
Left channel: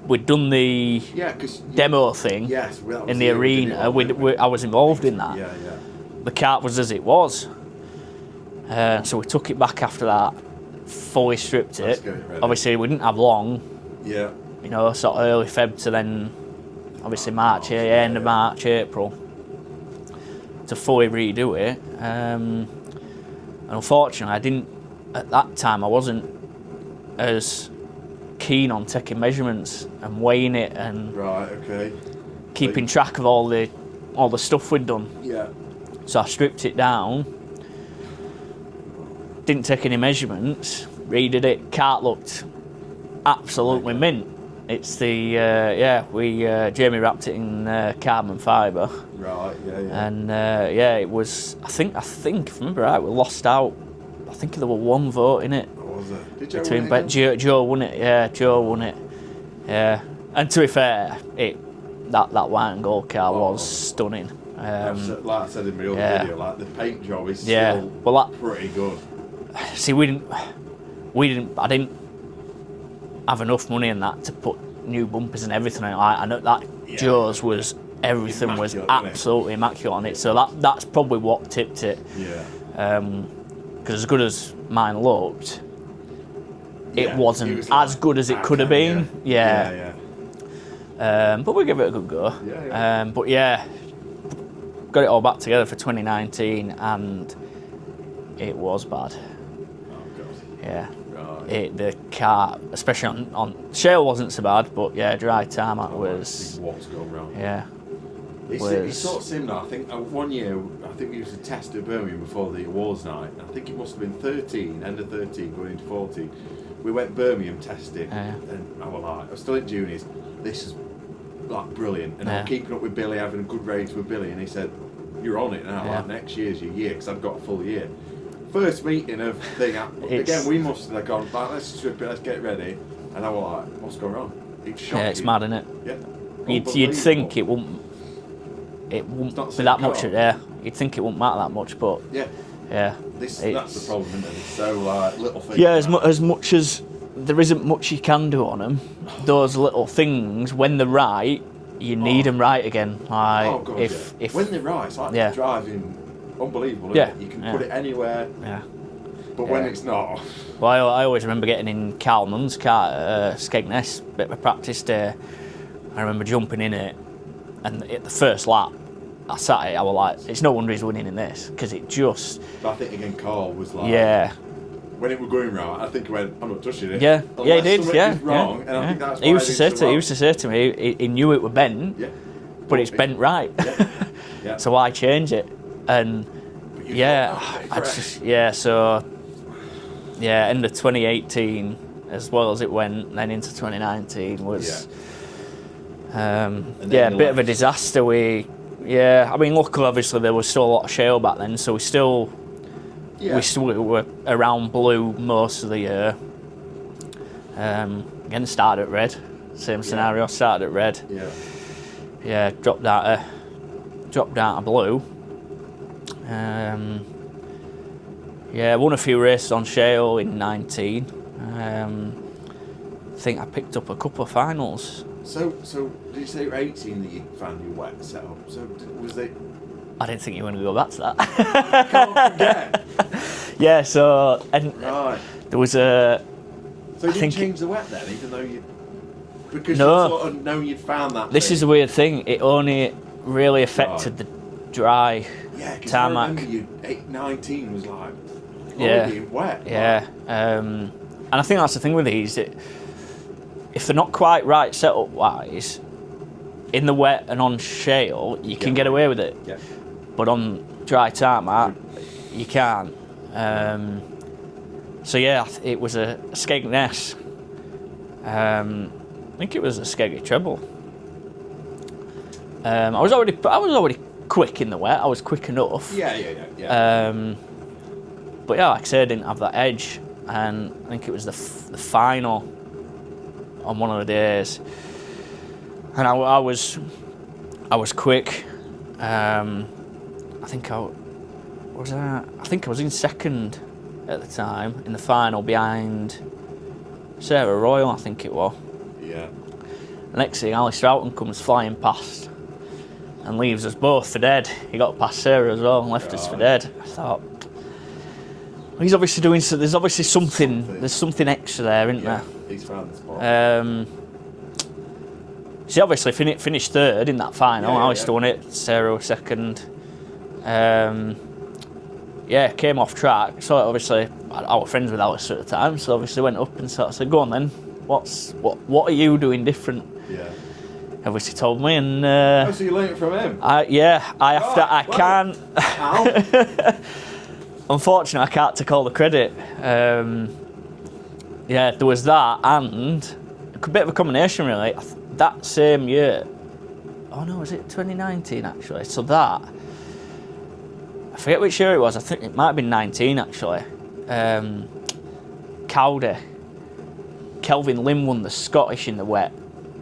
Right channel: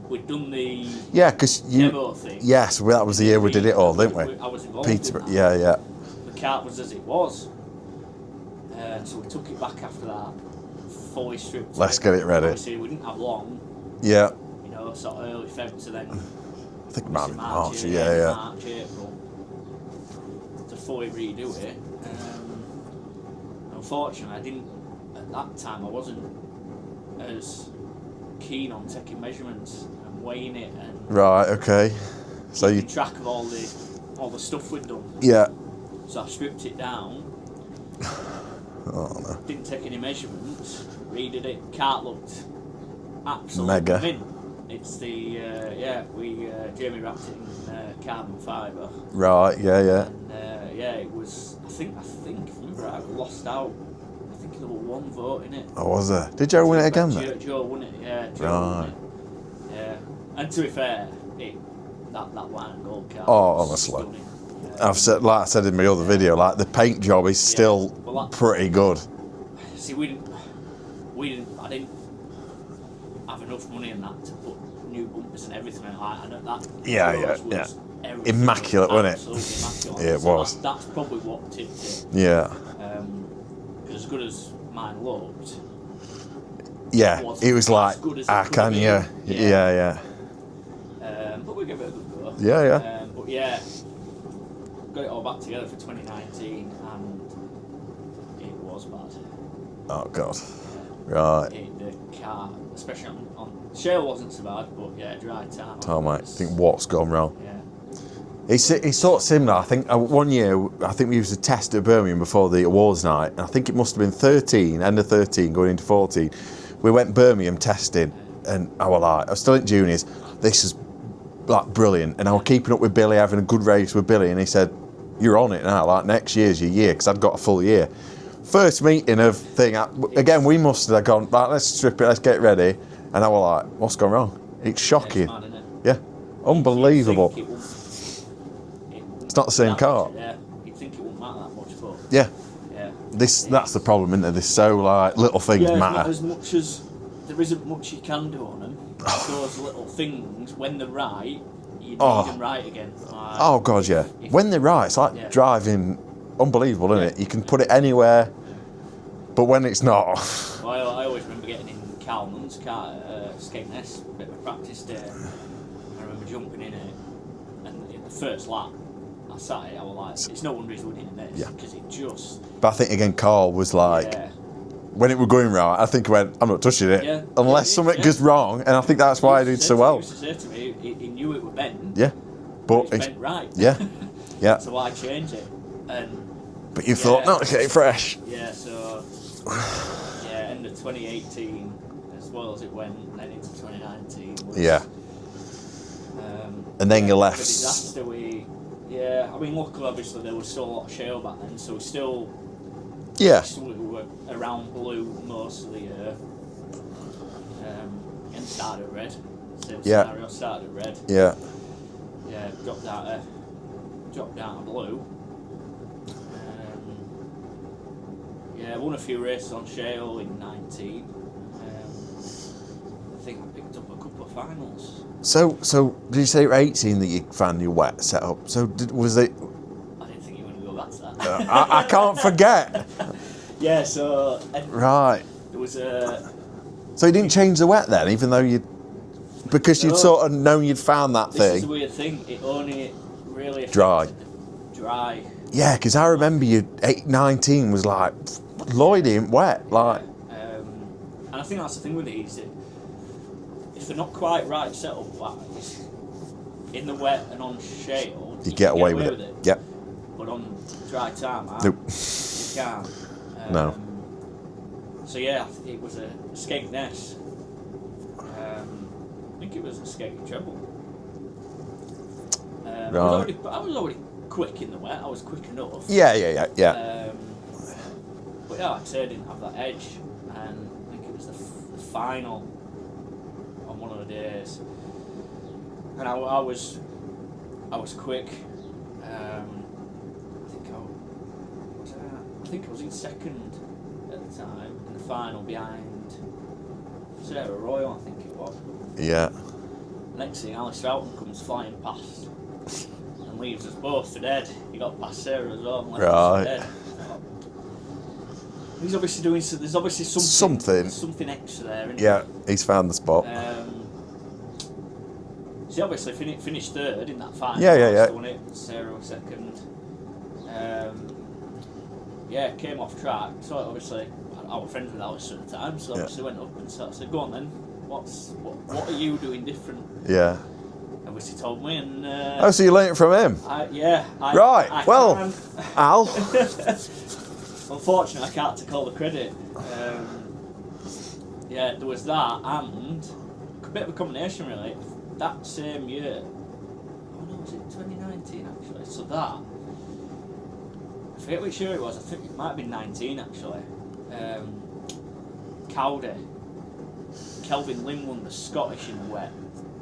We'd done the Yeah, because demo thing. Yes, well, that was in the year we did it all, didn't we? I was involved in Peter, that. Yeah. Yeah. The kart was as it was. So we took it back after that, fully stripped it. Let's get it ready. Obviously, we didn't have long. Yeah. You know, sort of early Feb to then, I think obviously March, end of March, April, to fully redo it. And unfortunately, at that time, I wasn't as keen on taking measurements and weighing it and Right. Okay. keeping track of all the stuff we'd done. Yeah. So I stripped it down. Oh no. Didn't take any measurements. Redid it. Kart looked absolutely Mega. mint. It's the Jamie wrapped it in carbon fibre, Right. Yeah. Yeah. and it was. I think if I remember right, we lost out. I think there were one vote in it. Oh, was there? Did Joe win it again? Joe won it. Yeah, Joe won it. Yeah, and to be fair, that white and gold car was honestly. stunning. I've said, like I said in my other video, like the paint job is still pretty good. See, I didn't have enough money in that to put new bumpers and everything on it. I know that Joe's was everything Immaculate, was wasn't it? absolutely immaculate on Yeah, it. it So was. that's probably what tipped it. Yeah. Because as good as mine looked, Yeah. it wasn't was as like, good as it could have yeah. been. Yeah. Yeah. But we gave it a good go. Yeah, yeah. But yeah, got it all back together for 2019, and it was bad. Oh God. Yeah. Right. The car, especially on shale, wasn't so bad, but yeah, dry tarmac Oh man, was. think what's gone wrong? Yeah. It's sort of similar. I think one year, I think we used a test at Birmingham before the awards night. And I think it must have been 13, end of 13, going into 14. We went Birmingham testing, and I was still in juniors. This is like brilliant, and I was keeping up with Billy, having a good race with Billy, and he said, "You're on it now. Like next year's your year," because I'd got a full year. First meeting of thing. Again, we must have gone. Like, let's strip it. Let's get ready. And I was like, "What's gone wrong?" It's shocking. Yeah, it's mad, isn't it? Yeah, unbelievable. You'd think it wouldn't. It's not the same that car. much. Yeah. You'd think it wouldn't matter that much, but Yeah. yeah. That's the problem, isn't it? There's so like little things Yeah, matter. as much as there isn't much you can do on them, those little things, when they're right, you need them right again. Like, Oh God, yeah. if- When they're right, it's like Yeah. driving unbelievable, isn't Yeah, it? You can yeah. put it anywhere, Yeah. but when it's not, Well, I always remember getting in Carl Nunn's car at Skegness, bit of a practice day. I remember jumping in it, and at the first lap, I sat it, I was like, it's no wonder he's winning in this, because it just... but I think again, Carl was like, Yeah. when it was going right, I think he went, I'm not touching it, Yeah. unless he did, something yeah, goes wrong, and I think that's why he did so well. He used to say to me, he knew it was bent, Yeah, but it's bent right. Yeah, yeah. So why change it? And But you thought, no, okay, fresh. Yeah, so end of 2018, as well as it went, then into 2019 was and then you a bit left. of a disaster. I mean, luckily, obviously, there was still a lot of shale back then, so we still were around blue most of the year. Again, started at red, same scenario. Started at red. Yeah. Dropped out of blue. Won a few races on shale in 19. I think I picked up a couple of finals. So did you say at 18 that you found your wet setup? So was it? I didn't think you were going to go back to that. I can't forget. Yeah, so... Right. There was a... So you didn't change the wet then, even though you... Because No. you'd sort of known you'd found that This thing. is the weird thing. It only really affected the dry... Yeah, because I tarmac. remember you... 19 was like... Lloydy and wet. Yeah. Like, And I think that's the thing with these. If they're not quite right setup-wise, in the wet and on shale, you can get away with it. Yep. But on dry tarmac, Nope. you can't. No. So yeah, it was a Skegness. I think it was a Skeggy treble. I was already quick in the wet. I was quick enough. Yeah. But yeah, like I said, I didn't have that edge, and I think it was the final on one of the days, and I was quick. I think I was in second at the time in the final behind Sarah Royal, I think it was. Yeah. Next thing, Ali Stroughton comes flying past and leaves us both for dead. He got past Sarah as well and left us for dead. I thought, well, he's obviously doing so. There's obviously something. There's something extra there, isn't there? Yeah, he's found the spot. She obviously finished third in that final. Alice won it. Sarah was second. Came off track. So obviously, I was friends with Alice at the time. So obviously went up and sort of said, "Go on then. What are you doing different?" Yeah. Obviously told me, and So you learned it from him? I can't. Al. Unfortunately, I can't take all the credit. There was that, and a bit of a combination really. That same year, was it 2019 actually? So that, I forget which year it was. I think it might have been 19 actually. Cowdy, Kelvin Lim won the Scottish in the wet.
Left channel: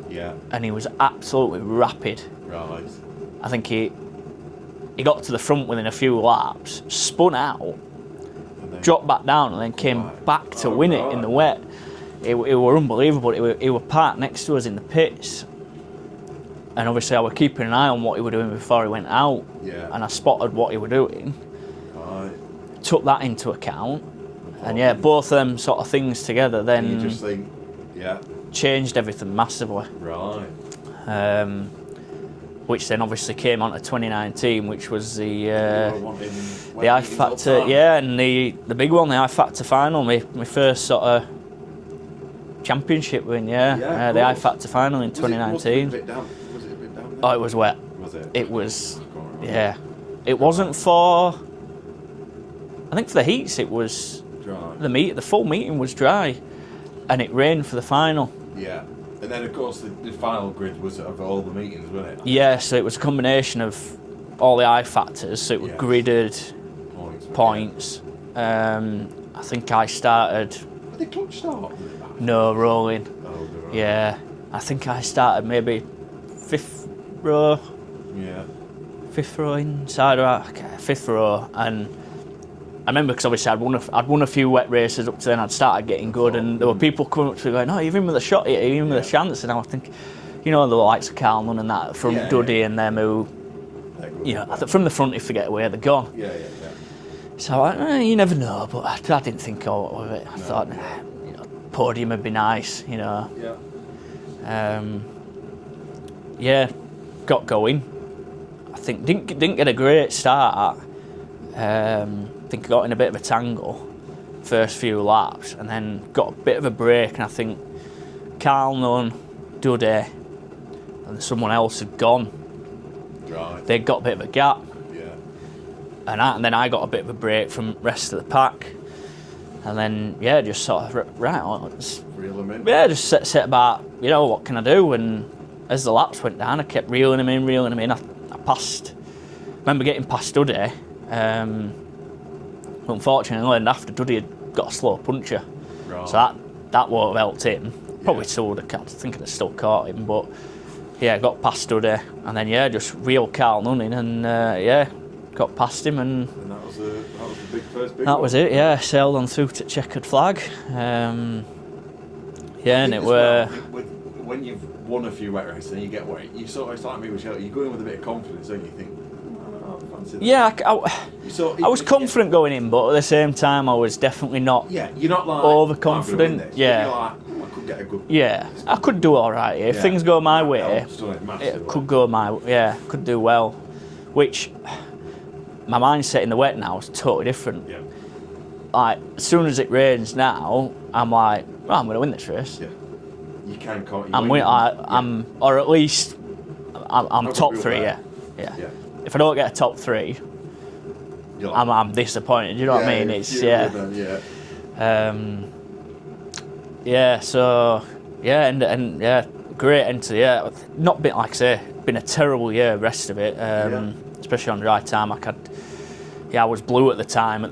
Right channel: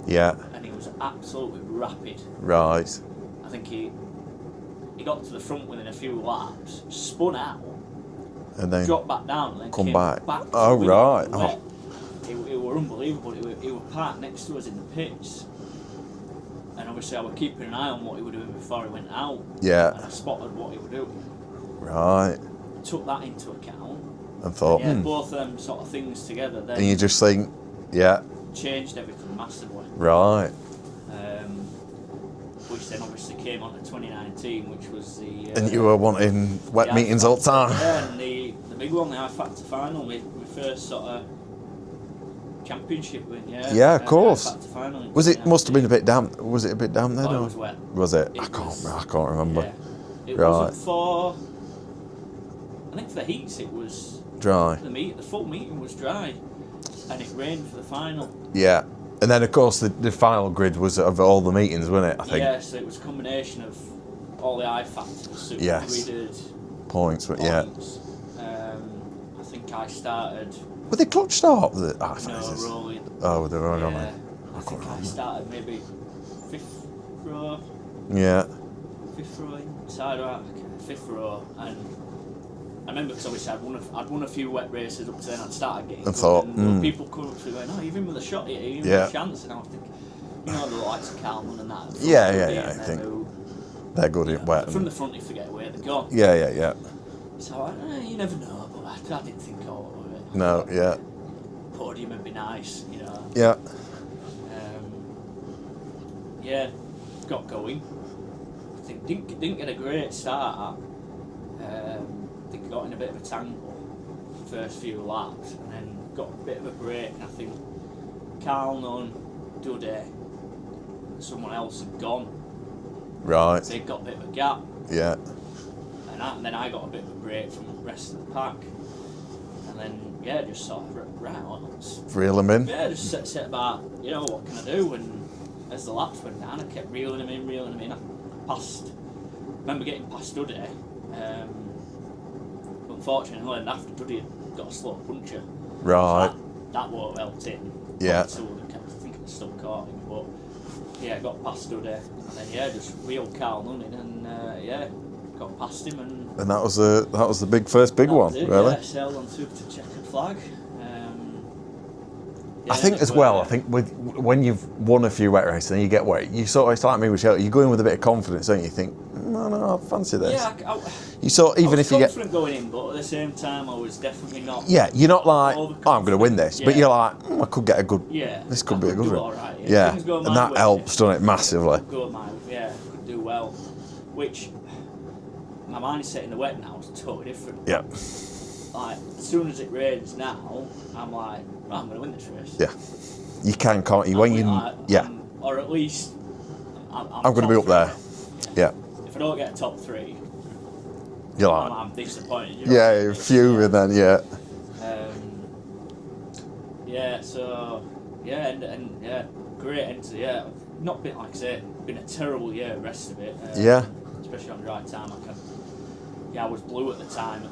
Yeah. And he was absolutely rapid. Right. I think he got to the front within a few laps, spun out, And then dropped back down, and then came back to win it in the wet. It were unbelievable. He were parked next to us in the pits, and obviously I was keeping an eye on what he were doing before he went out. Yeah. And I spotted what he were doing. Right. Took that into account. And thought, And both of them sort of things together then. And you just think, yeah. Changed everything massively. Right. Which then obviously came on to 2019, which was the... and you were wanting wet meetings all the time. Yeah, and the big one, the I Factor final, my first sort of championship win, yeah. Yeah, of course. The I Factor final in 2019. Must have been a bit damp. Was it a bit damp then? Oh, it was wet. Was it? It was. I can't remember. Yeah. It wasn't for... I think for the heats it was... Dry. The full meeting was dry. And it rained for the final. Yeah. And then, of course, the final grid was of all the meetings, wasn't it? I think. Yeah, so it was a combination of all the I factors. So it was gridded points. I think I started... Were they clutch start? No, rolling. Oh, they were rolling. Yeah. I think I started maybe fifth row. Yeah. Fifth row inside, fifth row. And I remember because obviously I'd won a few wet races up to then. I'd started getting good, and there were people coming up to me going, "No, you've even with a shot here, you've even with a chance." And I was thinking, the likes of Carl Nunn and that from Goody and them who They're good You in know, wet. from the front, if they get away, they're gone. Yeah. So you never know, but I didn't think of it. I thought, you know, podium would be nice, you know. Yeah. Yeah, got going. I think didn't get a great start. I think I got in a bit of a tangle first few laps, and then got a bit of a break. And I think Carl Nunn, Duddy, and someone else had gone. Right. They got a bit of a gap. Yeah. And then I got a bit of a break from the rest of the pack. And then, just sort of, let's Reel them in. Yeah, just set about, you know, what can I do? And as the laps went down, I kept reeling them in. I passed, remember getting past Duddy. Unfortunately, after Duddy had got a slow puncher. Right. So that won't have helped him. Yeah. Probably still would have, I think I'd have still caught him. But, got past Duddy. And then, just reeled Carl Nunn in and, got past him. And that was the big one. That was it, really? yeah. Sailed on through to checkered flag. I think as well. I think when you've won a few wet races and you get wet, you sort of, it's like me with Shelter, you go in with a bit of confidence, don't you? You think, no, I fancy this. Yeah, I was confident going in, but at the same time, I was definitely not. Yeah, you're not like, overconfident. I'm going to win this, but you're like, I could get a good. Yeah, I could do all right. If things go my way, that helps, doesn't it, massively? It could go my way. Yeah, could do well, which my mindset in the wet now is totally different. Yeah. Like as soon as it rains now, I'm like, well, I'm going to win this race. Yeah. You can't. Or at least I'm top be up 3. there. Yeah. If I don't get a top 3, you're like, I'm disappointed. You know what I mean? It's fuming then. Great end to the year. Not been, like I say, been a terrible year. Rest of it, especially on dry tarmac. I was blue at the time.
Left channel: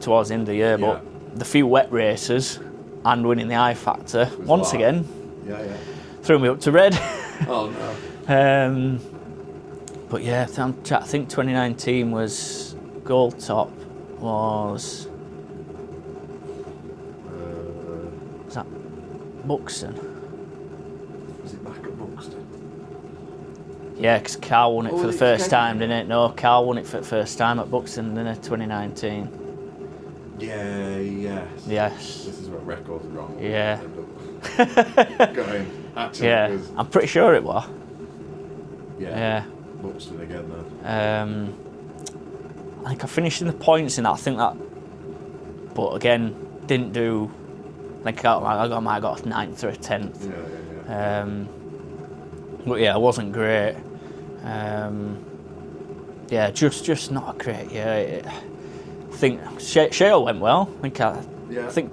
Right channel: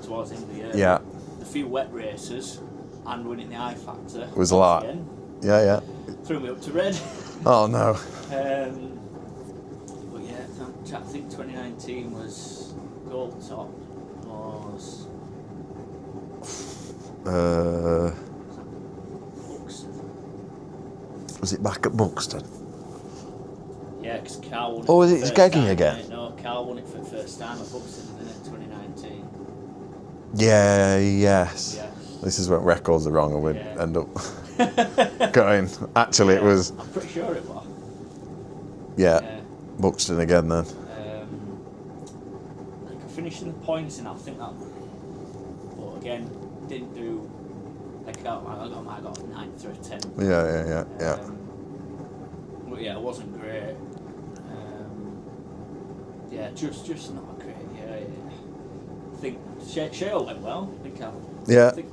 Towards the end of the year, but the few wet races and winning the I Factor was once again. Yeah. Threw me up to red. Oh no. But yeah, I think 2019 was gold top was that Buxton? Was it back at Buxton? Yeah, because Carl won it for the first time, didn't it? No, Carl won it for the first time at Buxton, didn't it? 2019. Yeah, yes. This is when records are wrong and we end up going. Actually, it was. I'm pretty sure it was. Yeah. Buxton again then. I think I finished in the points in that. I think that, but again, didn't do. I think I might have got a 9th or a 10th. Yeah. But I wasn't great. Just not a great year. I think Shale went well. I think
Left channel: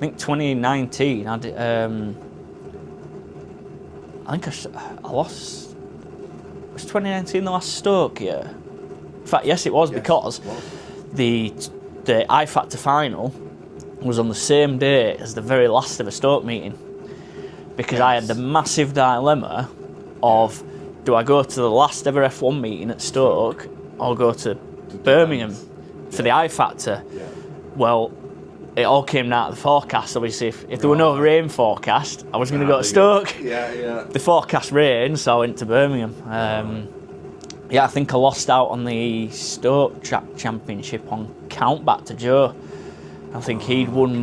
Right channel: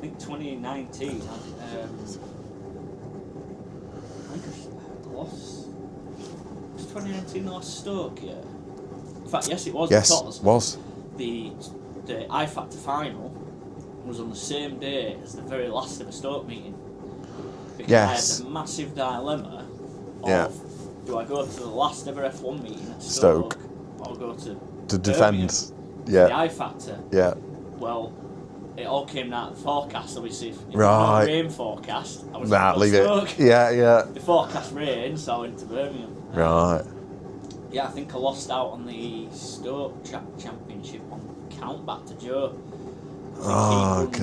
2019 I did. I think I lost. Was 2019 the last Stoke year? In fact, yes, it was because the I Factor final was on the same day as the very last of a Stoke meeting. Because I had the massive dilemma of do I go to the last ever F1 meeting at Stoke or go to Birmingham for the I Factor? Yeah. Well, it all came down to the forecast. Obviously, if there were no rain forecast, I was going to go to Stoke. Yeah. The forecast rained, so I went to Birmingham. I think I lost out on the Stoke Track Championship on count back to Joe. I think he'd won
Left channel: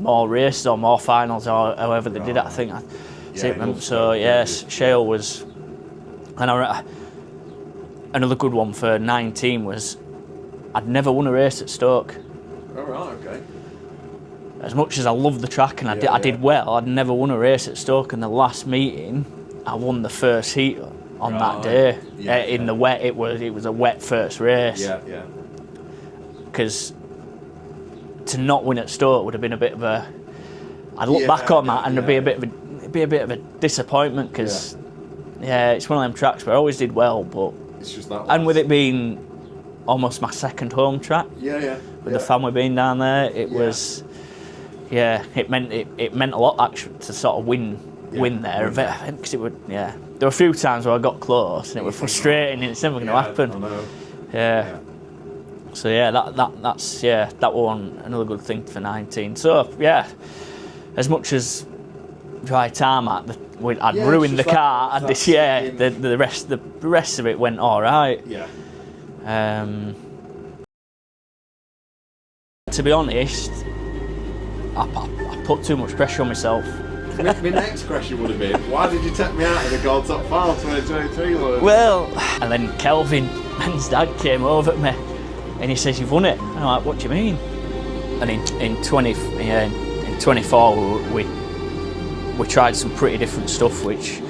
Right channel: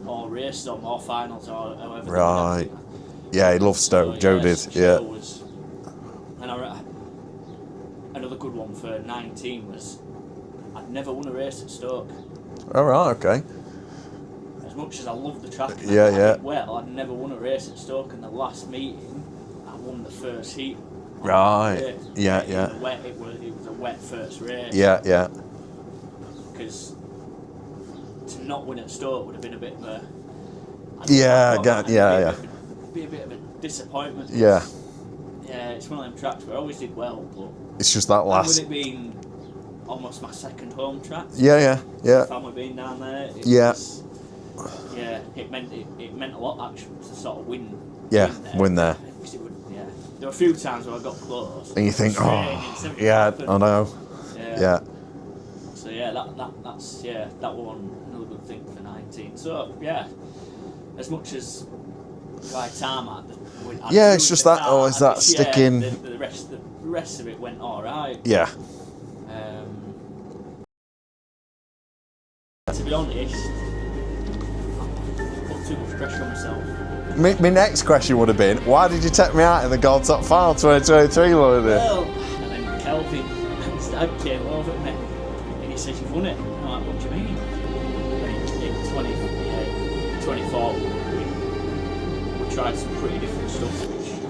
more races or more finals or however they did it. I think. He loves Stoke. Joe did. Shale was. And another good one for 19 was I'd never won a race at Stoke. All right, okay. As much as I loved the track and I did well, I'd never won a race at Stoke. And the last meeting, I won the first heat on that day. In the wet, it was a wet first race. Yeah. Because to not win at Stoke would have been a bit of a. I'd look back on that and it'd be a bit of a disappointment. Cause, it's one of them tracks where I always did well, but it's just that last. And with it being almost my second home track. Yeah. The family being down there, it was. Yeah, it meant a lot actually to sort of win there. Because it would. Yeah, there were a few times where I got close. And it was frustrating. It's never going to happen. I know. Yeah. So that was another good thing for 19. So as much as dry tarmac, I'd Yeah, it's ruined just the that- car. oh, is that yeah, sticking- the rest of it went all right. Yeah. To be honest, I put too much pressure on myself. My next question would have been, why did you take me out in the Gold Top Farm 2023, Lloyd? Well, and then Kelvin, Ben's dad, came over at me and he says, "You've won it." And I'm like, "What do you mean?" And in 24, we tried some pretty different stuff, which